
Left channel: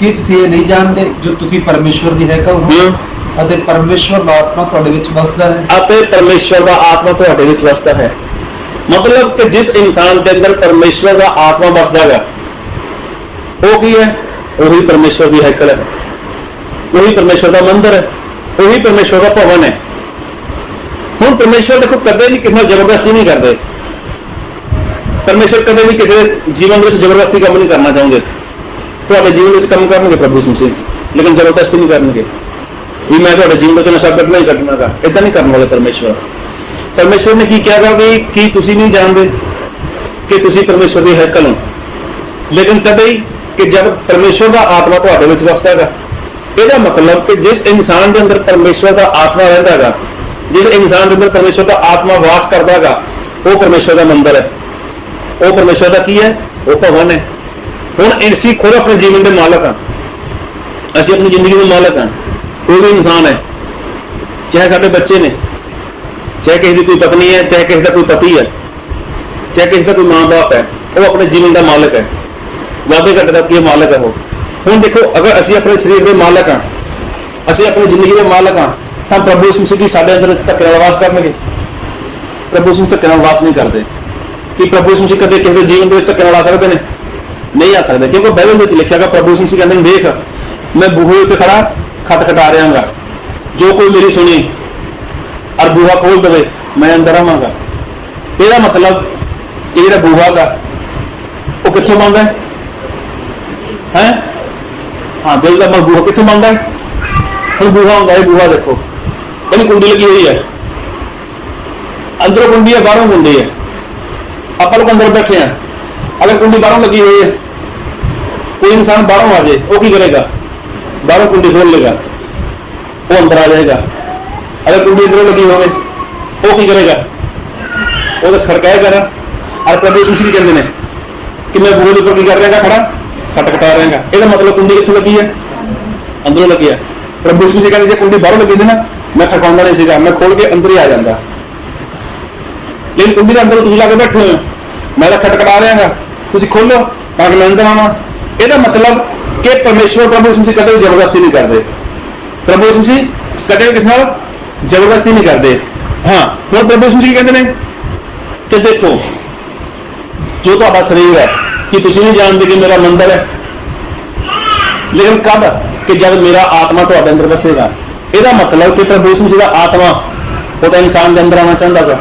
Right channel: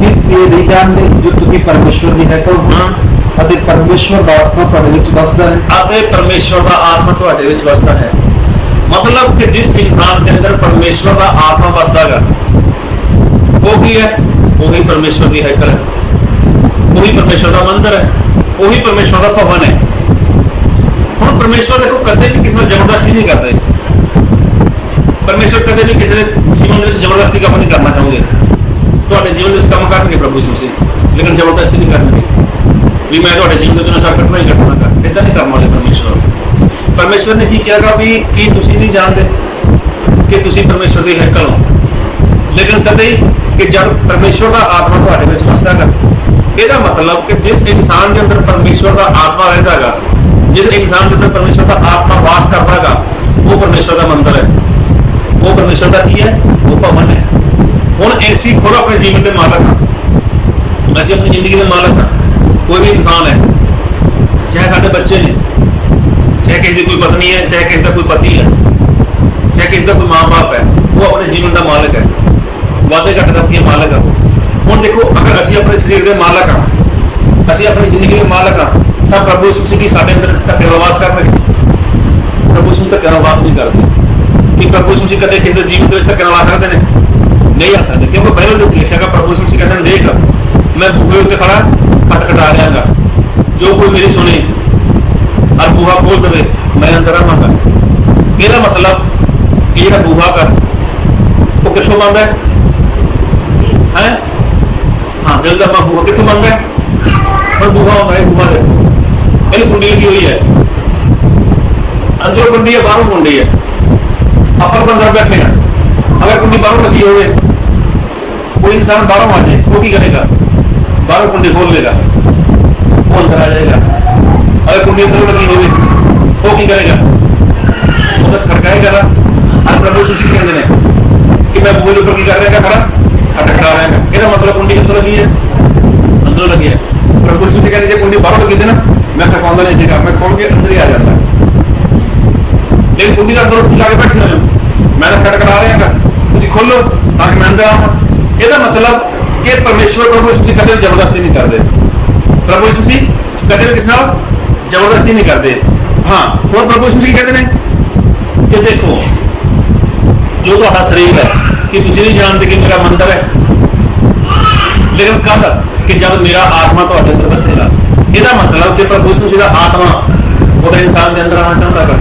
ਕੀ ਤੁਸੀਂ ਇਹ ਨਹੀਂ ਜਾਣਦੇ ਜੋ ਤੁਸੀਂ ਪਰਮੇਸ਼ਵਰ ਦੀ ਹੈਕਲ ਹੋ ਅਤੇ ਪਰਮੇਸ਼ਵਰ ਦਾ ਆਤਮਾ ਤੁਹਾਡੇ ਵਿੱਚ ਵਸਦਾ ਹੈ। ਅਤੇ परमेश्वर का आत्मा ਤੁਹਾਡੇ ਵਿੱਚ ਵਸਦਾ ਹੈ। मतलब कि जिस इंसान के अंदर परमेश्वर का आत्मा वसदा है वो की है, वही परमेश्वर की हैकल है, वही परमेश्वर का मंदिर है, वही परमेश्वर का भवन है। हुण परमेश्वर देखो कदे भी किसी जबरदस्ती नहीं करते, परमेश्वर कदे भी किसी जीवन में जबरदस्ती काम नहीं करना चाहोगे। तो जीवन में काम करनगे प्रभु यीशु मसीह, लेकिन जबरदस्ती नहीं करनगे भी मैं तो जीवन में नशा कटना ही कटना गा, इतना नहीं करने वाले। परमेश्वर ने की कहा भी कि तुसी नहीं जानते कि तुसी परमेश्वर की हैकल हो। लेकिन कदे कि जब परमेश्वर का आत्मा तुहाडे विच वसदा है, ਇਹਦਾ मतलब कि जिस इंसान के अंदर परमेश्वर का आत्मा रहता है, जिस इंसान के अंदर परमेश्वर का आत्मा वास करता है, वो परमेश्वर का मंदिर है, वो परमेश्वर का की है, वो भवन है। हुण असीं खुद अपने जीवन के मालक हाँ, असीं अपनी जिंदगी के मालक हाँ। कोई भी इंसान है, चाहे साडे बच्चे ने, चाहे किसी की कोई पत्नी है, चाहे किसी का कोई पति है, चाहे किसी का कोई माँ बाप है, वो अपने जीवन का मालक है, वादे घट का मालक है वो। ਹੁਣ देखो अगर ਅਸੀਂ ਆਪਣੇ ਸਰੀਰ ਦੇ ਮਾਲਕ ਹਾਂ, ਅਸੀਂ ਆਪਣੀ ਜ਼ਿੰਦਗੀ ਦੇ ਮਾਲਕ ਹਾਂ, ਤਾਂ ਪ੍ਰਭੂ ਯਿਸੂ ਮਸੀਹ ਸਾਡੇ ਅੰਦਰ ਧੱਕੇ ਨਾਲ ਵਾਸ ਕਰਨਗੇ। ਪ੍ਰਭੂ ਯਿਸੂ ਧੱਕੇ ਨਾਲ ਵਾਸ ਨਹੀਂ ਕਰਦੇ ਕਿ ਪ੍ਰਭੂ ਯਿਸੂ ਮਸੀਹ ਕਦੇ ਕਿਸੇ ਦੇ ਜੀਵਨ ਦੇ ਵਿੱਚ ਧੱਕੇ ਨਾਲ ਆ ਸਕਦੇ ਨੇ? ਨਹੀਂ ਆ ਸਕਦੇ, ਕਿਉਂਕਿ ਬਾਈਬਲ ਦੇ ਵਿੱਚ ਲਿਖਿਆ ਗਿਆ ਪ੍ਰਭੂ ਯਿਸੂ ਮਸੀਹ ਕਹਿੰਦੇ ਨੇ ਦੇਖ ਮੈਂ ਬੂਹੇ ਉੱਤੇ ਖੜਾ ਖਟਖਟਾ ਰਿਹਾਂਗਾ, ਜੋ ਕੋਈ ਮੇਰੀ ਸੁਣੇ ਔਰ ਬੂਹਾ ਖੋਲ ਦੇਵੇ ਮੈਂ ਅੰਦਰ ਆਵਾਂਗਾ। ਇਹਦਾ मतलब ਕਿ ਜਿਹੜਾ ਬੂਹਾ ਗਾ ਉਹ ਕਿੱਥੋਂ ਬਣਦਾ ਹੈ? हाँ दिल का बूहा कितों बनता है? हम बूहा होता है, बूहा देखो यानी कुंडी लगी हुई है, अंदरों कुंडी है बाहरों कुंडी है, अपन लोग अंदर बैठे हैं। अगर कुंडी बाहरों लगी हुई है, कोई इंसान बाहरों आ जाए वो की करेगा? बाहरों कुंडी खोल लेगा, वो अंदर आ जाएगा। अगर कुंडी अंदरों लगी हुई वो की करेगा? वो तो खड़काएगा। और प्रभु यीशु कहते हैं कि मैं बूहे ऊपर की कर रहा खड़ा खटखटा रहेगा। ਇਹਦਾ मतलब कुंडी कितों लगी है? अंदरों लगी है। प्रभु यीशु से कहते कुंडी बाहरों लगी थी ना, मैं खटकाउंदा नहीं सीगा, मैं खोल के अंदर ही आ जाता, लेकिन कुंडी के अंदर तुम जाके बैठे हो, मैं तो खटखटा रहा, तुम खोलो ताकि मैं अंदर आवा। ਇਹਦਾ मतलब कि परमेश्वर प्रभु यीशु कदे जबरदस्ती नहीं करते, प्रभु यीशु कदे किस नाल जबरदस्ती नहीं करते। हाँ हुण प्रभु यीशु कहते हैं कि देखो जो तुहाडा शरीर है कि तुसी नहीं जानते कि मेरा मंदिर है, लेकिन कब कि जब मेरा आत्मा तुहाडे अंदर बसेगा। ਇਹਦਾ मतलब कि प्रभु यीशु का आत्मा वो इंसान के अंदर आना चाहता है।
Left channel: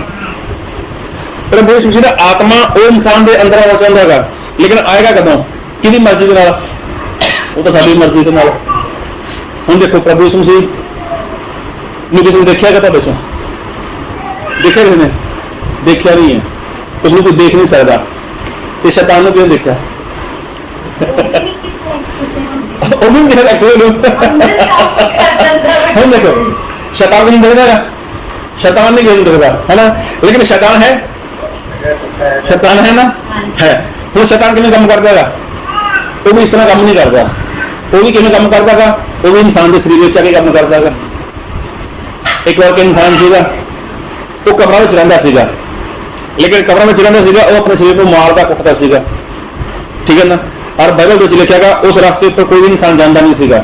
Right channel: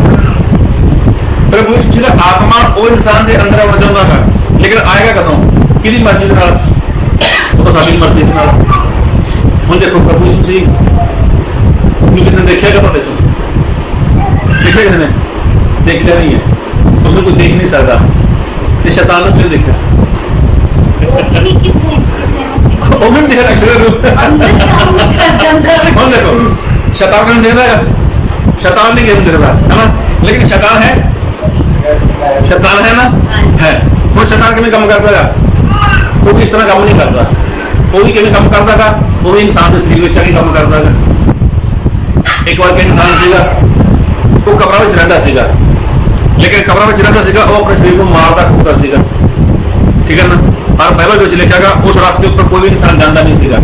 प्रभु यीशु मसीह दा आत्मा वो इंसान के अंदर आना चाहता है, लेकिन आएगा कदों? किहदी मर्जी दे नाल? वो तो साडी मर्जी दे नाल। हुण देखो प्रभु यीशु मसीह ने किसी ने देखिया तुहाडे चों? देखिया किसी ने? देखिया नहीं है। उसने कोई देख नहीं सकता। तो शैतान ने क्यों देखा? हुण देखो शैतान नहीं देखता, शैतान नहीं देखता है ना, लेकिन शैतान है, शैतान है ना, है। वो शैतान किवें काम करता है? वो भी इस तरह काम नहीं करता। वो भी किवें काम करता है? वो भी इंसान के शरीर में आके काम करता है। एक बार एक इंसान सीगा, वो कमरा में रहिंदा सीगा, लेकिन कमरा में रहिंदा सीगा, वो अपने शरीर को मारदा कुटदा सीगा, ठीक है ना। और बाइबल में लिखा गया उस रास्ते पर कोई भी इंसान जाता नहीं सीगा,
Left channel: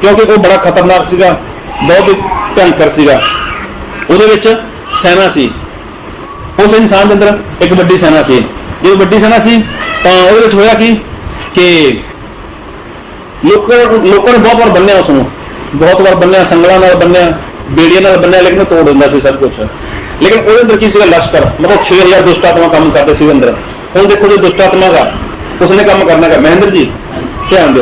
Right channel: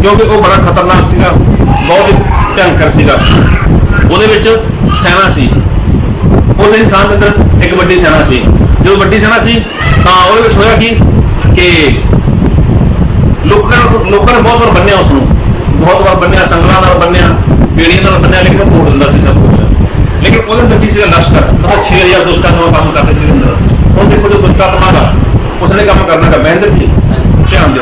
क्योंकि वो बड़ा खतरनाक सीगा, बहुत ही भयंकर सीगा। ਉਹਦੇ ਵਿੱਚ ਸੈਨਾ ਸੀ, ਉਸ ਇਨਸਾਨ ਦੇ ਅੰਦਰ ਇੱਕ ਵੱਡੀ ਸੈਨਾ ਸੀ। ਜਦੋਂ ਵੱਡੀ ਸੈਨਾ ਸੀ ਤਾਂ ਉਹਦੇ ਵਿੱਚ ਹੋਇਆ ਕਿ ਲੋਕਾਂ ਨੇ ਬਹੁਤ ਵਾਰ ਬੰਨਿਆ, ਉਸ ਨੂੰ ਬਹੁਤ ਵਾਰ ਬੰਨਿਆ, ਸੰਗਲਾਂ ਨਾਲ ਬੰਨਿਆ, ਬੇੜੀਆਂ ਨਾਲ ਬੰਨਿਆ, ਲੇਕਿਨ ਉਹ ਤੋੜ ਦਿੰਦਾ ਸੀ ਸਭ ਕੁਛ। ਲੇਕਿਨ ਉਹਦੇ ਅੰਦਰ ਕੀ ਸੀਗਾ? ਲਸ਼ਕਰ, ਮਤਲਬ 6000 ਦੁਸ਼ਟ ਆਤਮਾ ਕੰਮ ਕਰਦੇ ਸੀ ਅੰਦਰ। ਹੁਣ ਦੇਖੋ ਜੋ ਦੁਸ਼ਟ ਆਤਮਾ ਗਾ उसने काम करना का, महेंद्र जी ध्यान दो,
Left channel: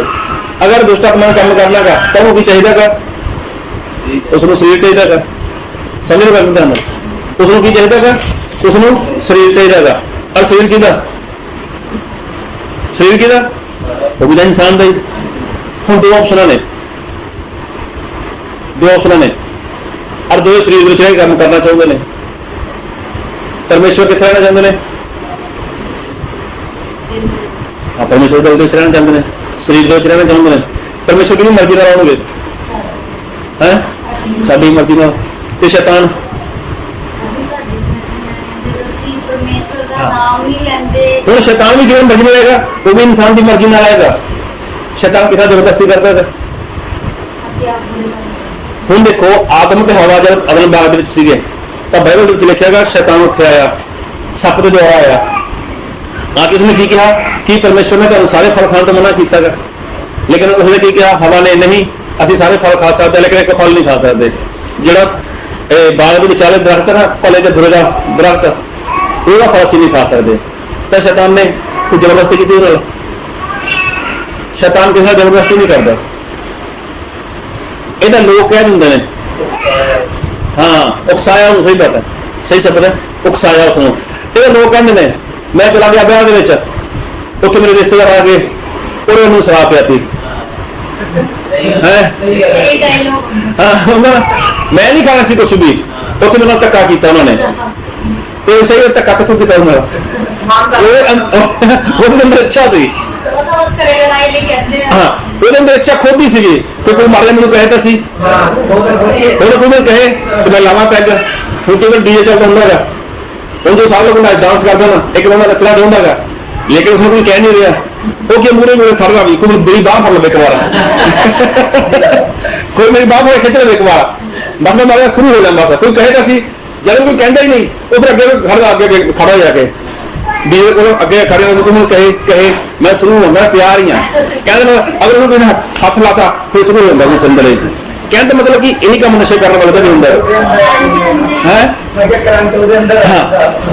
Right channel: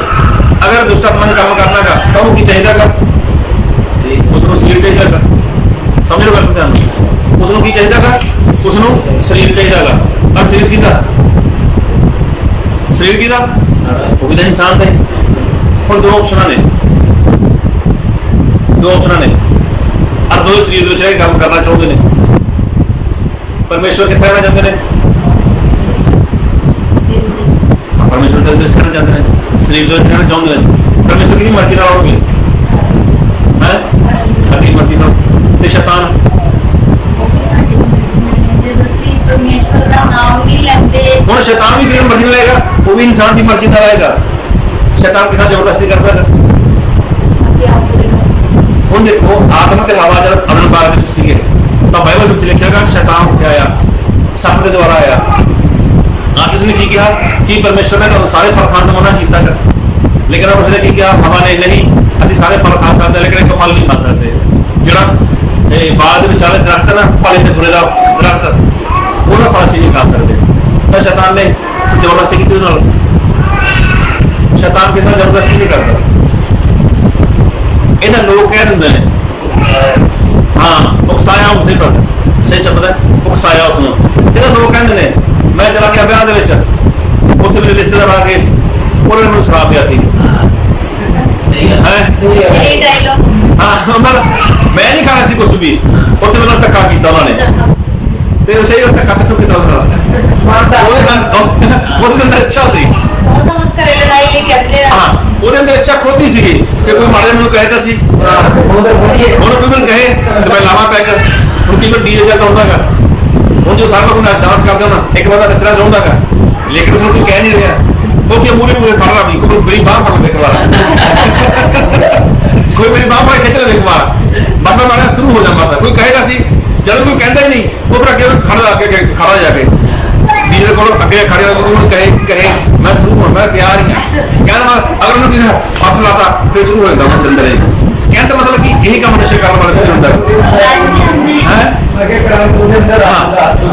अगर दुष्ट आत्मा ने काम करना का तो उन्होंने चाहिए, उसको शरीर चाहिए, समझ लो गल ध्यान, उसको की चाहिए, उसको शरीर चाहिए। और शरीर किदा? शरीर किदा? वो भी तो इंसान का ही। हम दो ऑप्शन ने, दो ऑप्शन ने, और दो शरीर काम करना चाहते हैं। परमेश्वर कितने रहना चाहते हैं? परमेश्वर का रहना चाहते हैं, शरीर के रहना चाहते हैं। परमेश्वर की मर्जी नाल आओगे है, साडी मर्जी नाल। ते शैतान हुण शैतान भी जिहड़ी मर्जी नाल आएगा, वो भी इंसान की मर्जी नाल आएगा। शैतान कितना जबरदस्ती करता है। हुण देखो आदम ते हवा जब अदन बाग दे विच सीगे तां बाइबल विच लिखिया गया शैतान उत्थे आया, सप के द्वारा आया। आके उसने की कहा कि परमेश्वर ने तो सारे फल खाने तो मना किया, लेकिन उसने की कहा? हवा ने नहीं, असं सारे फल खा सकते, लेकिन एक फल नहीं खा सकते। जोड़ा बाग के विचाले दरख्त है ना, भले तो बुरे का दरख्त, वह फल असं नहीं खा सकते। तो शैतान ने कुछ जबरदस्ती की? शैतान किसी जबरदस्ती नहीं करता। इधर लोग कह देंगे ने, हाँ उकसाया, उन्हें सही पता, सही शब्द है, उकसाया उसने। इधर लोग कहते हैं मैं चला गया ब्याह के उत्थे मेरे रिश्तेदार आ गए और मैंने शराब पिया थी, मैं नहीं खाना सी कुछ भी, उत्थे मेरे धक्का किया उन्होंने। तो सही धक्का कितों किया उन्होंने? अंदर अच्छा सी, हाँ ਉਹਦੇ ਅੰਦਰ ਇੱਛਾ ਖੁਦ ਹੀ ਸੀਗੀ ਕਿ ਕੋਈ ਮਾੜਾ ਮੈਨੂੰ ਕਹੇ ਤਾਂ ਸੀ, ਉਹਨੂੰ ਕੋਈ ਮੈਨੂੰ ਕਹੇ ਤੇ ਮੈਂ ਲਾਵਾਂ ਪੈਗ। ਹੁਣ ਕਿਵੇਂ ਡੀਜੇ ਚੱਲਦਾ ਹੁੰਦਾ ਹੈਗਾ, ਹੁਣ जो सारे लोग डांस करते ना, एक बंदा नचना चाहता है, लेकिन उसमें कोई कह नहीं रहा, वो क्या मूरे मूरे खड़ा भी, कोई मेरी बाह फड़ लो एक बार, कोई मेरी बाह फड़ खिंच ले एक बार, बस मैं मारना शुरू हो जाऊँ। बस कोई कहेगा सी, जब कोई कहता ही नहीं, वो फिर अगे खड़ा हो जाके डीजे को अगे खड़े होकर कहे मैं शुरू हूँ, मैं तैयार ही हाँ। कहना अगर उन्होंने हाथ लाता फिर शुरू हो जाता चंदले। कहने का मतलब कि यही काम नशे करने वाले का नहीं होता है। हाँ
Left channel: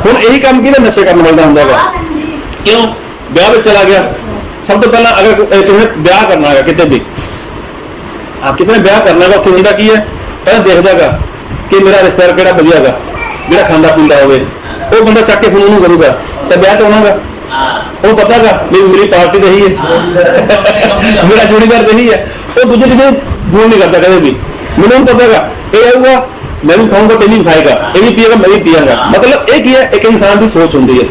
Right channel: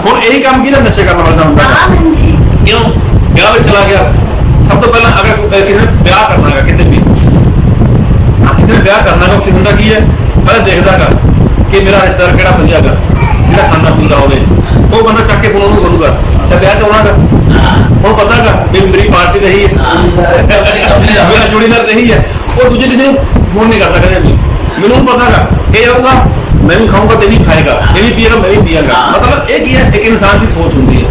हूँ यही काम की ना नशे करने वाले का होंगे। क्यों? ब्याह में चला गया, सब तो पहले अगर किसी ने ब्याह करना है कितने भी, हाँ कितने ब्याह करना है, होंगे की है पहले देखता गा कि मेरा रिश्तेदार केड़ा भजिया गा जो खाँदा पींदा हो, वो बंदा चक के फोन करूगा तो ब्याह तो होना गा, वो पता गा भी मेरी पार्टी तो यही है, मेरा जोड़ीदार तो यही है। वो दूजे चीजें फोन नहीं करता कभी भी, मैंने पता गा ये आऊँगा मैं भी खाऊंगा तो भी खाएगा, ये भी पिएगा मैं भी पियागा। मतलब एक ही है, एक इंसान की सोच होती है।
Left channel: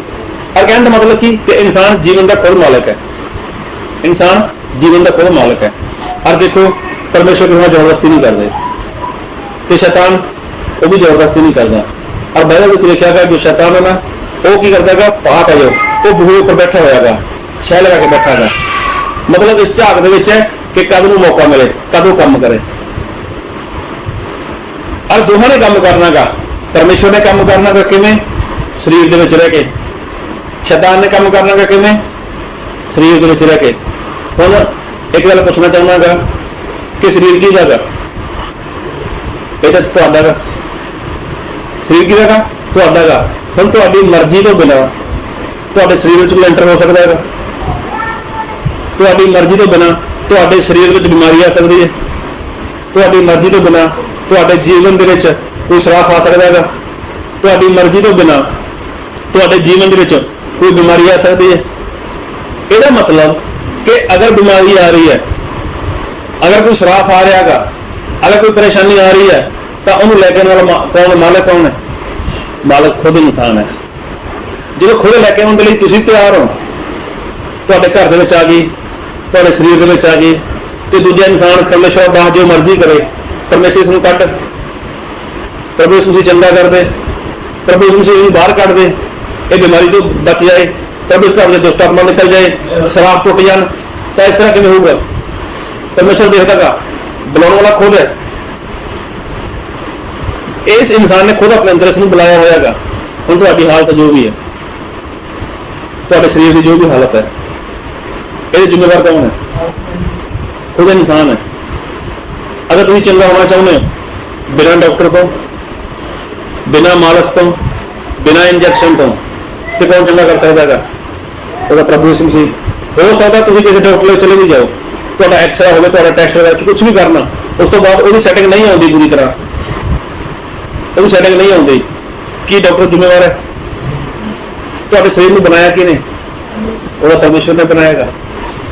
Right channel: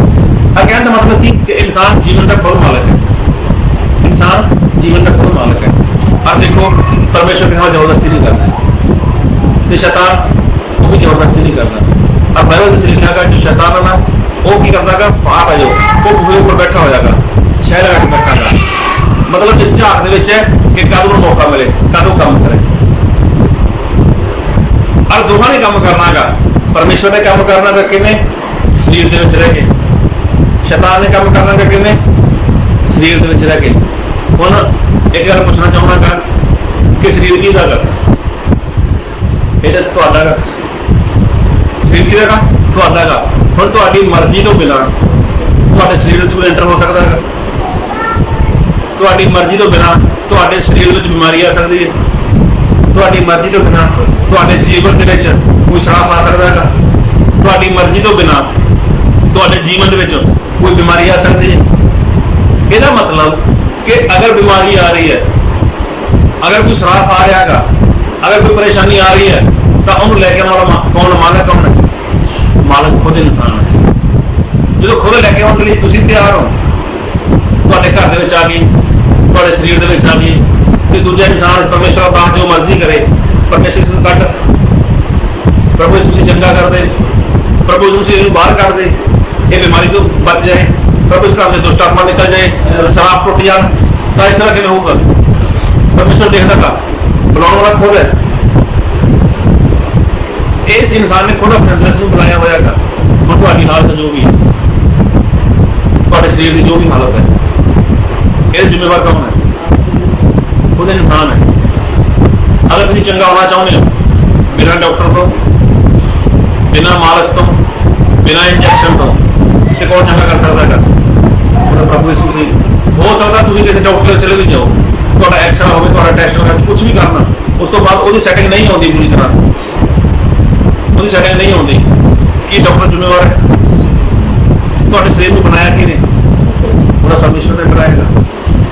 और कहने का मतलब कि इंसान जीवन का खुद मालिक है, इंसान जीवन का खुद मालिक है। और देखो परमेश्वर के साथ जबरदस्ती नहीं करते, तो शैतान वो भी जबरदस्ती नहीं करता। और बाइबल में लिखा गया जो शैतान है ना वो की करता है, आप आ जाओ, वो बूहे ऊपर बैठा होगा, छह लगा के बैठा था। मतलब इस झाक है कि कद को मौका मिले कद वो काम करे। और दोनों ने काम करना गा, परमेश्वर ने काम करना गा किवें शरीर दे विच रह के, शैतान ने काम करना गा किवें शरीर दे विच रह के। हुण एक गल पूछना चाहुंदा गा कि शरीर की गा, ये तो तुहाडा गा, ਸਰੀਰ ਕੀ ਹੈਗਾ? ਤੁਹਾਡਾ ਹੈਗਾ। ਹੁਣ ਤੁਹਾਡੀ ਮਰਜ਼ੀ ਤੋਂ ਬਿਨਾਂ ਤੁਹਾਡੇ ਸਰੀਰ ਵਿੱਚ ਕੋਈ ਐਂਟਰ ਹੋ ਸਕਦਾ ਹੈਗਾ? ਤੁਹਾਡੀ ਮਰਜ਼ੀ ਤੋਂ ਬਿਨਾਂ ਤੁਹਾਡੇ ਸਰੀਰ ਵਿੱਚ ਬਿਮਾਰੀ ਆ ਸਕਦੀ ਹੈ? ਤੁਹਾਡੀ ਮਰਜ਼ੀ ਤੋਂ ਬਿਨਾਂ ਤੁਹਾਡੇ ਜੀਵਨ ਦੇ ਵਿੱਚ ਕੋਈ ਸ਼ਰਾਪ ਆ ਸਕਦਾ ਹੈਗਾ? ਤੁਹਾਡੀ ਮਰਜ਼ੀ ਤੋਂ ਬਿਨਾਂ ਤੁਹਾਡੇ ਜੀਵਨ ਦੇ ਵਿੱਚ ਕੋਈ ਬਿਮਾਰੀ ਆ ਸਕਦੀ ਹੈ? ਇਹਦਾ ਮਤਲਬ ਕਿ ਅਗਰ ਬਿਮਾਰੀ ਆ ਰਹੀ ਹੈ, ਅਗਰ ਕੋਈ ਸ਼ਰਾਪ ਆ ਰਿਹਾ ਹੈਗਾ, ਅਗਰ ਕੋਈ ਪਰੇਸ਼ਾਨੀ ਆ ਰਹੀ ਹੈ, ਤਾਂ ਉਹਨੂੰ ਲੈ ਕੇ ਆਉਣ ਵਾਲਾ ਕੌਣ? ਮਾਲਕ ਕੌਣ ਹੈ? ਮਾਲਕ ਖੁਦ ਇਨਸਾਨ ਹੈ। ਜਦੋਂ ਖੁਦ ਲੈ ਕੇ ਆਉਣ ਦੇ ਲਈ ਤੁਸੀਂ ਤਿਆਰ ਹੋ, ਤੁਹਾਡੇ ਘਰ ਦੇ ਵਿੱਚ ਆ ਗਈ, ਤੁਹਾਡੇ ਸਰੀਰ ਦੇ ਵਿੱਚ ਆ ਗਈ, ਤੇ ਦੂਜਾ ਇਨਸਾਨ ਪਰਮੇਸ਼ਰ ਬਾਹਰ ਜੋ ਮਰਜ਼ੀ ਕਰੇ, ਪਰਮੇਸ਼ਰ ਇਸ ਨੂੰ ਕੱਢ, ਪ੍ਰਭੂ ਇਸ ਨੂੰ ਚੰਗਾ ਕਰ ਦੇ, ਪ੍ਰਭੂ ਇਸ ਨੂੰ ਬਾਹਰ ਕੱਢ ਦੇ, ਇਹ ਬਿਮਾਰੀ ਤੋਂ ਬਚ ਜਾਏ, ਪ੍ਰਭੂ ਇਸ ਘਰ ਦੇ ਦੁਸ਼ਟ ਆਤਮਾ ਨਿਕਲ ਜਾਏ, ਸ਼ਰਾਪ ਟੁੱਟ ਜਾਣ, ਤਾਂ ਇਸ ਤਰ੍ਹਾਂ ਕਿਵੇਂ ਹੋਊਗਾ? ਪਰਮੇਸ਼ਰ ਦੇਖਦਾ ਕਾ ਬੁਲਾਉਣ ਵਾਲਾ ਖੁਦ ਹੈ। ਇਸ ਇਨਸਾਨ ਨੇ ਖੁਦ ਆਪਣੇ ਅੰਦਰ ਇਸ ਨੂੰ ਬੁਲਾਇਆ ਹੋਇਆ ਹੈਗਾ। ਹੁਣ ਤੁਹਾਡੀ ਹਾਲਤ ਜੋ ਵੀ ਹੈ, ਤੁਹਾਡੇ ਸਰੀਰ ਦੀ ਜੋ ਵੀ ਹਾਲਤ ਹੈ, ਇਹਦੇ ਜ਼ਿੰਮੇਵਾਰ ਕੌਣ ਹੈ? ਖੁਦ ਇਨਸਾਨ ਹੈ। ਅਗਰ ਤੁਸੀਂ ਚੰਗਾ ਹੋਣਾ ਚਾਹੁੰਦੇ ਹੋ, ਬਿਨਾਂ ਡਾਕਟਰ ਤੋਂ, ਬਿਨਾਂ ਮਾਲਸ਼ ਤੋਂ, ਬਿਨਾਂ ਇੰਜੈਕਸ਼ਨ ਤੋਂ, ਤੇ ਕੌਣ ਚੰਗਾ ਕਰ ਸਕਦਾ ਹੈਗਾ? ਉਹਦਾ ਪ੍ਰਭੂ ਯਿਸੂ ਮਸੀਹ। ਹੋ ਸਕਦਾ ਤੁਸੀਂ ਕਿਸੇ ਡਾਕਟਰ ਕੋਲ ਚਲੇ ਵੀ ਜਾਓ, ਤੁਹਾਡਾ ਐਕਸਰਾ ਹੋਵੇ, ਤੁਹਾਡਾ ਟੈਸਟ ਵਗੈਰਾ ਕੁਝ ਵੀ ਕਰਨਾ, ਉਸ ਤੋਂ ਬਾਅਦ ਉਹਦੀ ਸੈਟਿੰਗ ਨਹੀਂ ਆਉਂਦੀ ਪੂਰੀ ਤਰ੍ਹਾਂ, ਉਹਦੀ ਸੈਟਿੰਗ ਨਹੀਂ ਆਉਂਦੀ, ਕੀ ਡਾਕਟਰ ਜ਼ਿੰਮੇਵਾਰ ਹੈ? ਤੁਹਾਡੇ ਸਰੀਰ ਨੂੰ ਬਣਾਇਆ ਕਿਹਨੇ? ਉਹਦਾ ਪਰਮੇਸ਼ਵਰ ਨੇ ਬਣਾਇਆ।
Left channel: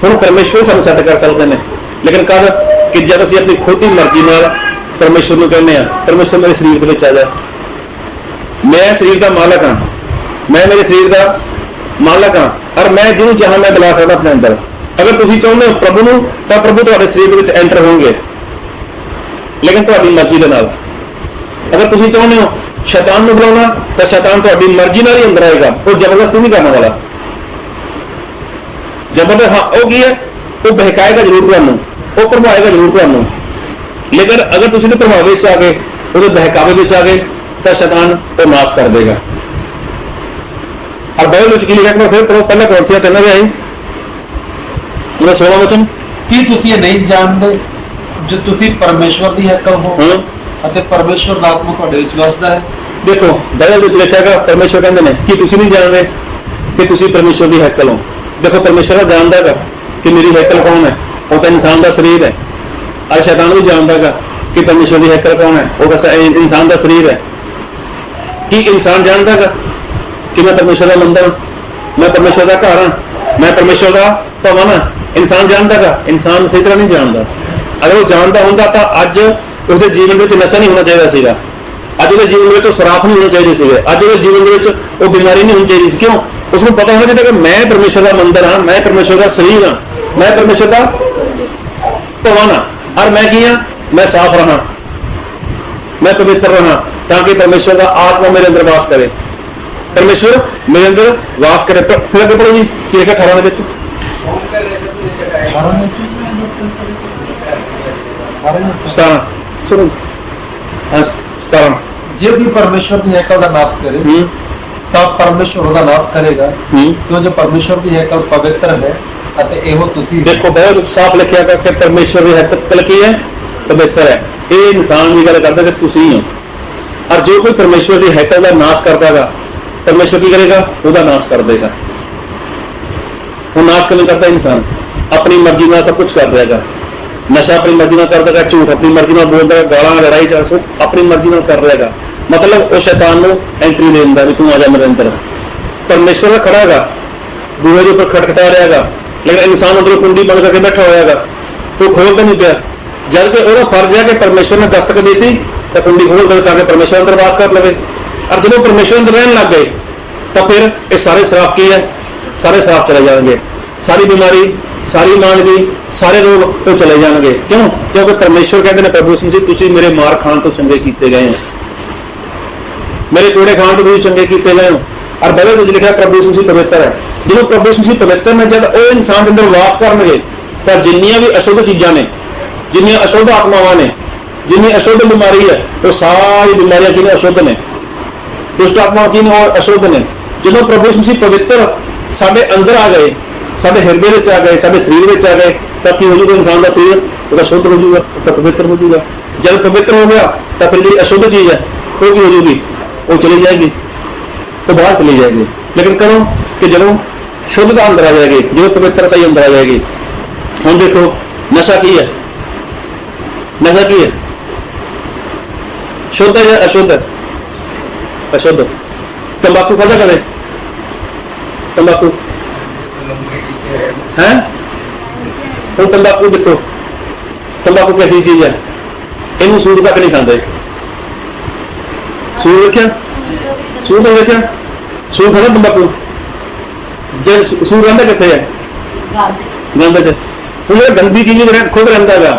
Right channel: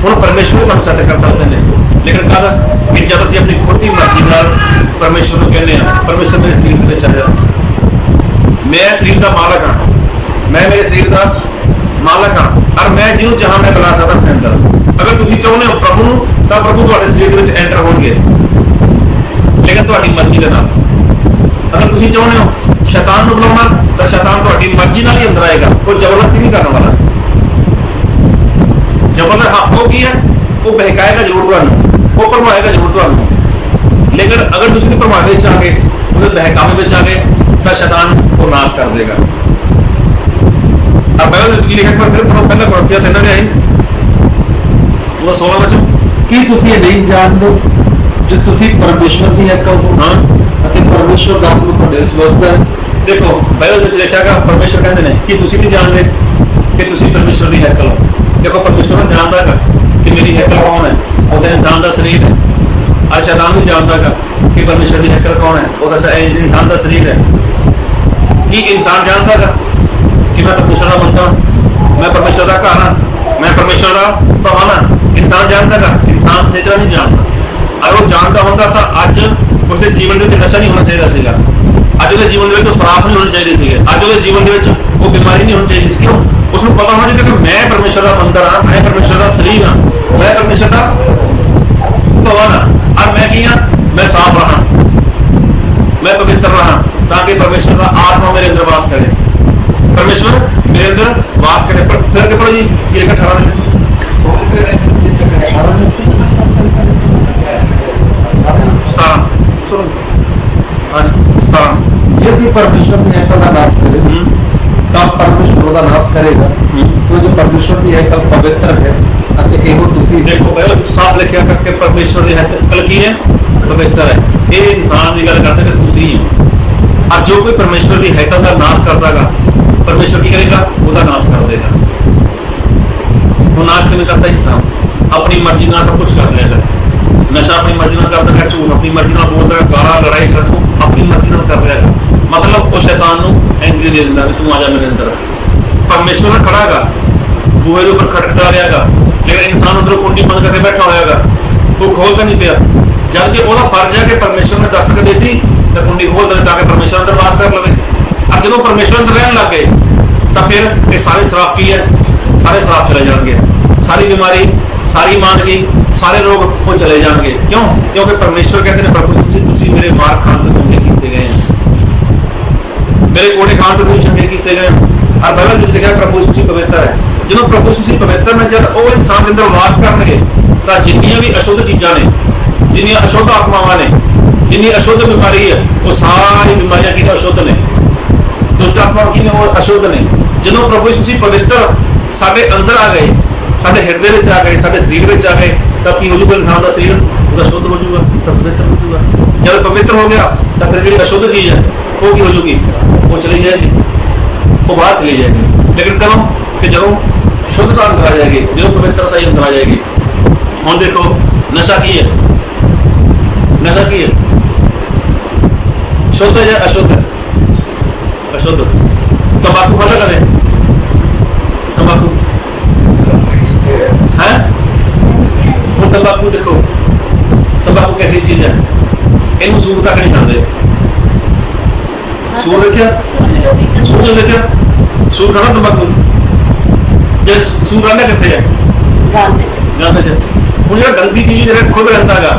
ਹੁਣ ਪਰਮੇਸ਼ਵਰ ਸਾਨੂੰ ਸੈੱਟ ਕਰ ਸਕਦੇ ਨੇ, ਲੇਕਿਨ ਕਦ? ਕਿ ਜਦ ਅਸੀਂ ਆਪਣੀ ਖੁਦ ਦੀ ਮਰਜ਼ੀ ਨਾਲ ਪਰਮੇਸ਼ਵਰ ਨੂੰ ਕਹਿੰਦੇ ਹਾਂ, ਪਰਮੇਸ਼ਵਰ ਮੇਰੇ ਸਰੀਰ ਦੇ ਵਿੱਚ ਆ ਜਾ, ਮੈਂ ਸਰੀਰ ਦਾ ਮਾਲਕ ਹਾਂ, ਮੈਂ ਮੇਰੇ ਸਰੀਰ ਦਾ ਮਾਲਕ ਹਾਂ, ਔਰ ਮੈਂ ਜਿਹਨੂੰ ਚਾਹਾਂ ਮੈਂ ਬੁਲਾ ਸਕਦਾ ਆਪਣੇ ਅੰਦਰ। ਅਗਰ ਤੁਸੀਂ ਚਾਹੁੰਦੇ ਹੋ ਪ੍ਰਭੂ ਨੂੰ, ਤਾਂ ਪ੍ਰਭੂ ਤੁਹਾਡੇ ਸਰੀਰ ਦੇ ਵਿੱਚ ਐਂਟਰ ਹੋਣਗੇ, ਲੇਕਿਨ ਤੁਹਾਡੀ ਮਰਜ਼ੀ ਦੇ ਨਾਲ। ਅਗਰ ਤੁਸੀਂ ਚਾਹੁੰਦੇ ਹੋ ਸ਼ੈਤਾਨ ਨੂੰ ਬੁਲਾਉਣਾ, ਤਾਂ ਸ਼ੈਤਾਨ ਤੁਹਾਡੀ ਮਰਜ਼ੀ ਨਾਲ ਹੀ ਅੰਦਰ ਆਏਗਾ, ਉਹ ਜ਼ਬਰਦਸਤੀ ਨਹੀਂ ਕਰਨ ਵਾਲਾ। ਜ਼ਬਰਦਸਤ ਹਾਂ, ਉਹ ਕੀ ਹੈ? ਉਹ ਬਹਿਕਾਏਗਾ ਜ਼ਰੂਰ ਤੁਹਾਨੂੰ, ਉਹ ਭਰਮਾਏਗਾ ਜ਼ਰੂਰ ਤੁਹਾਨੂੰ, ਲੇਕਿਨ ਅਗਰ ਤੁਸੀਂ ਉਹਦੇ ਭਰਮਾਵੇ ਵਿੱਚ ਆ ਗਏ, ਉਹਦੇ ਬਹਿਕਾਵੇ ਵਿੱਚ ਆ ਗਏ, ਤਾਂ ਸ਼ੈਤਾਨ ਉਹ ਨਾਸ਼ ਕਰ ਦੇਗਾ। और बाइबल ਵਿੱਚ ਕੀ ਲਿਖਿਆ ਹੈ? ਫਿਰ ਪਹਿਲਾਂ ਕੋਰਿੰਥੀਆਂ 3 ਦੇ ਆਈ ਉਹ 16 ਵਚਨ, ਕੀ ਤੁਸੀਂ ਇਹ ਨਹੀਂ ਜਾਣਦੇ ਜੋ ਤੁਸੀਂ ਪਰਮੇਸ਼ਵਰ ਦੀ ਹੈਕਲ ਹੋ ਅਤੇ ਪਰਮੇਸ਼ਵਰ ਦਾ ਆਤਮਾ ਤੁਹਾਡੇ ਵਿੱਚ ਵਸਦਾ ਹੈ? ਦੇਖੋ ਬਾਈਬਲ ਵਿੱਚ ਲਿਖਿਆ ਹੈਗਾ, ਪਰਮੇਸ਼ਵਰ ਕਹਿੰਦੇ ਨੇ ਕਿ ਤੁਸੀਂ ਨਹੀਂ ਜਾਣਦੇ ਕਿ ਤੁਸੀਂ ਪਰਮੇਸ਼ਵਰ ਦੀ ਹੈਕਲ ਹੋ। ਦੇਖੋ ਪਰਮੇਸ਼ਵਰ ਜਾਣਦਾ ਹੈਗਾ ਕਿ ਮੇਰੀ ਹੈਕਲ ਕੌਣ ਹੈ, ਉਹ ਤਾਂ ਇਨਸਾਨ ਦਾ ਸਰੀਰ ਹੈ। और शैतान भी जानता है कि परमेश्वर की हैकल कौन है, वो इंसान का शरीर है। कि इंसान जानता है कि मैं परमेश्वर का मंदिर हूँ, मैं परमेश्वर का घर हाँ, मैं परमेश्वर का भवन हाँ। इंसान जानता है? इंसान इस तरह नहीं जानता। अगर वो जानता होगा तो अज उसके जीवन में नशा नहीं होना चाहिए सीगा, अज उसके जीवन में शराब नहीं होनी चाहिए सीगे, अज उसके जीवन में वो बीमारी नहीं होनी चाहिए। क्यों? उसको पता होना चाहिए कि मैं परमेश्वर का मंदिर हाँ, मैं परमेश्वर का शरीर हाँ, मैं परमेश्वर का भवन हाँ, और मैं की हाँ, मैं साफ रहा, मैं पवित्र रहा, ताकि परमेश्वर का आत्मा मेरे अंदर वास करे, परमेश्वर मेरे अंदर वास करे। फिर अगे पढ़ो जी, 18 ਦੇ ਵਿੱਚ चलो 17 ਜੇ ਕੋਈ ਪਰਮੇਸ਼ਵਰ ਦੀ ਹੈਕਲ ਦਾ ਨਾਸ਼ ਕਰੇ ਤਾਂ ਪਰਮੇਸ਼ਵਰ ਉਹਦਾ ਨਾਸ਼ ਕਰੇਗਾ, ਕਿਉਂ ਜੋ ਪਰਮੇਸ਼ਵਰ ਦੀ ਹੈਕਲ ਪਵਿੱਤਰ ਹੈ ਅਤੇ ਇਹੋ ਤੁਸੀਂ देखो बहुत साफ लिखा है कि परमेश्वर की हैकल की है, पवित्र है। ये इंसान की गल करता कि तुसी हो, और जो कोई परमेश्वर की हैकल का नाश करता है परमेश्वर की करेगा, उसका नाश कर देगा। वो नाश क्यों करता इंसान? अपनी मर्जी में सब कुछ कर रहेगा, नशा अपनी मर्जी में करता है, झूठ अपनी मर्जी में बोलता है, गाला लड़ाई चल अपनी मर्जी में कर रहेगा। मतलब वो शैतान को एंट्री दे दिंदा भी तू आ जा मेरे अंदर। परमेश्वर का खड़ा गा बूहे के ऊपर खटखटा रहेगा, लेकिन इंसान अंदर कुंडी बंद करके बैठा होएगा, वो खोलता नहीं पाया। जबकि वो फर्ज है कि परमेश्वर ने दस्तक दी थी तो कुंडी खोल दे ताकि परमेश्वर अंदर वास कर लवे। और जो परमेश्वर अंदर रहने लग गए तो फिर ये सारे श्राप की है, सारे श्राप चले जाएंगे, सारी बीमारी, सारी मांदगी, सारे रोग वो चले जाएंगे। क्यों? क्योंकि परमेश्वर कहते हैं प्रभु यीशु तुसी मेरे मार खान तो चंगे किए गए हैं, मेरे कोड़े खान तो तुसी चंगे किए गए हैं। और बाइबल में लिखा है प्रभु यीशु पवित्र है। जो प्रभु यीशु पवित्र ने जब वो इंसान के अंदर वास करनगे तो जिन्नियां भी अशुद्ध चीज़ां ने, जिन्नियां अशुद्ध आत्मावां ने, जिन्नी अशुद्ध बीमारी है, वो सारी बीमारियां की अशुद्ध ने, दुष्ट आत्मावां की वो अशुद्ध ने। जो प्रभु यीशु पवित्र साडे अंदर आ गए, साडे हृदय में आ गए, साडे शरीर में आ गए, तो की हो जाऊगा इंसान का शरीर वो शुद्ध हो जाऊगा, तो पवित्र हो जाऊगा। जब पवित्र हो गया तो फिर जी अशुद्ध चीज़ है वो की हो जाएगी, वो चली जाएगी, वो बाहर चली जाएगी। लेकिन करो कि जब शुद्धता अंदर आ जाएगी, जो पवित्रता ही अंदर आ जाएगी। हम देखो नशा की है, नशा की है, शुद्ध है या अशुद्ध है? अशुद्ध। तंबाकू खाता कदे? तंबाकू है? ਹੁਣ तंबाकू देखो, तंबाकू कैसी चीज है? इनू सूर तक नहीं खाते। सूर देखा? सूर नहीं देखा? सूर खाता तंबाकू? जे सूर रहता कितने है? गंद च। ਹੁਣ ਜਿਹੜਾ गंदी चीज ਜਿਹੜਾ खुद रहता है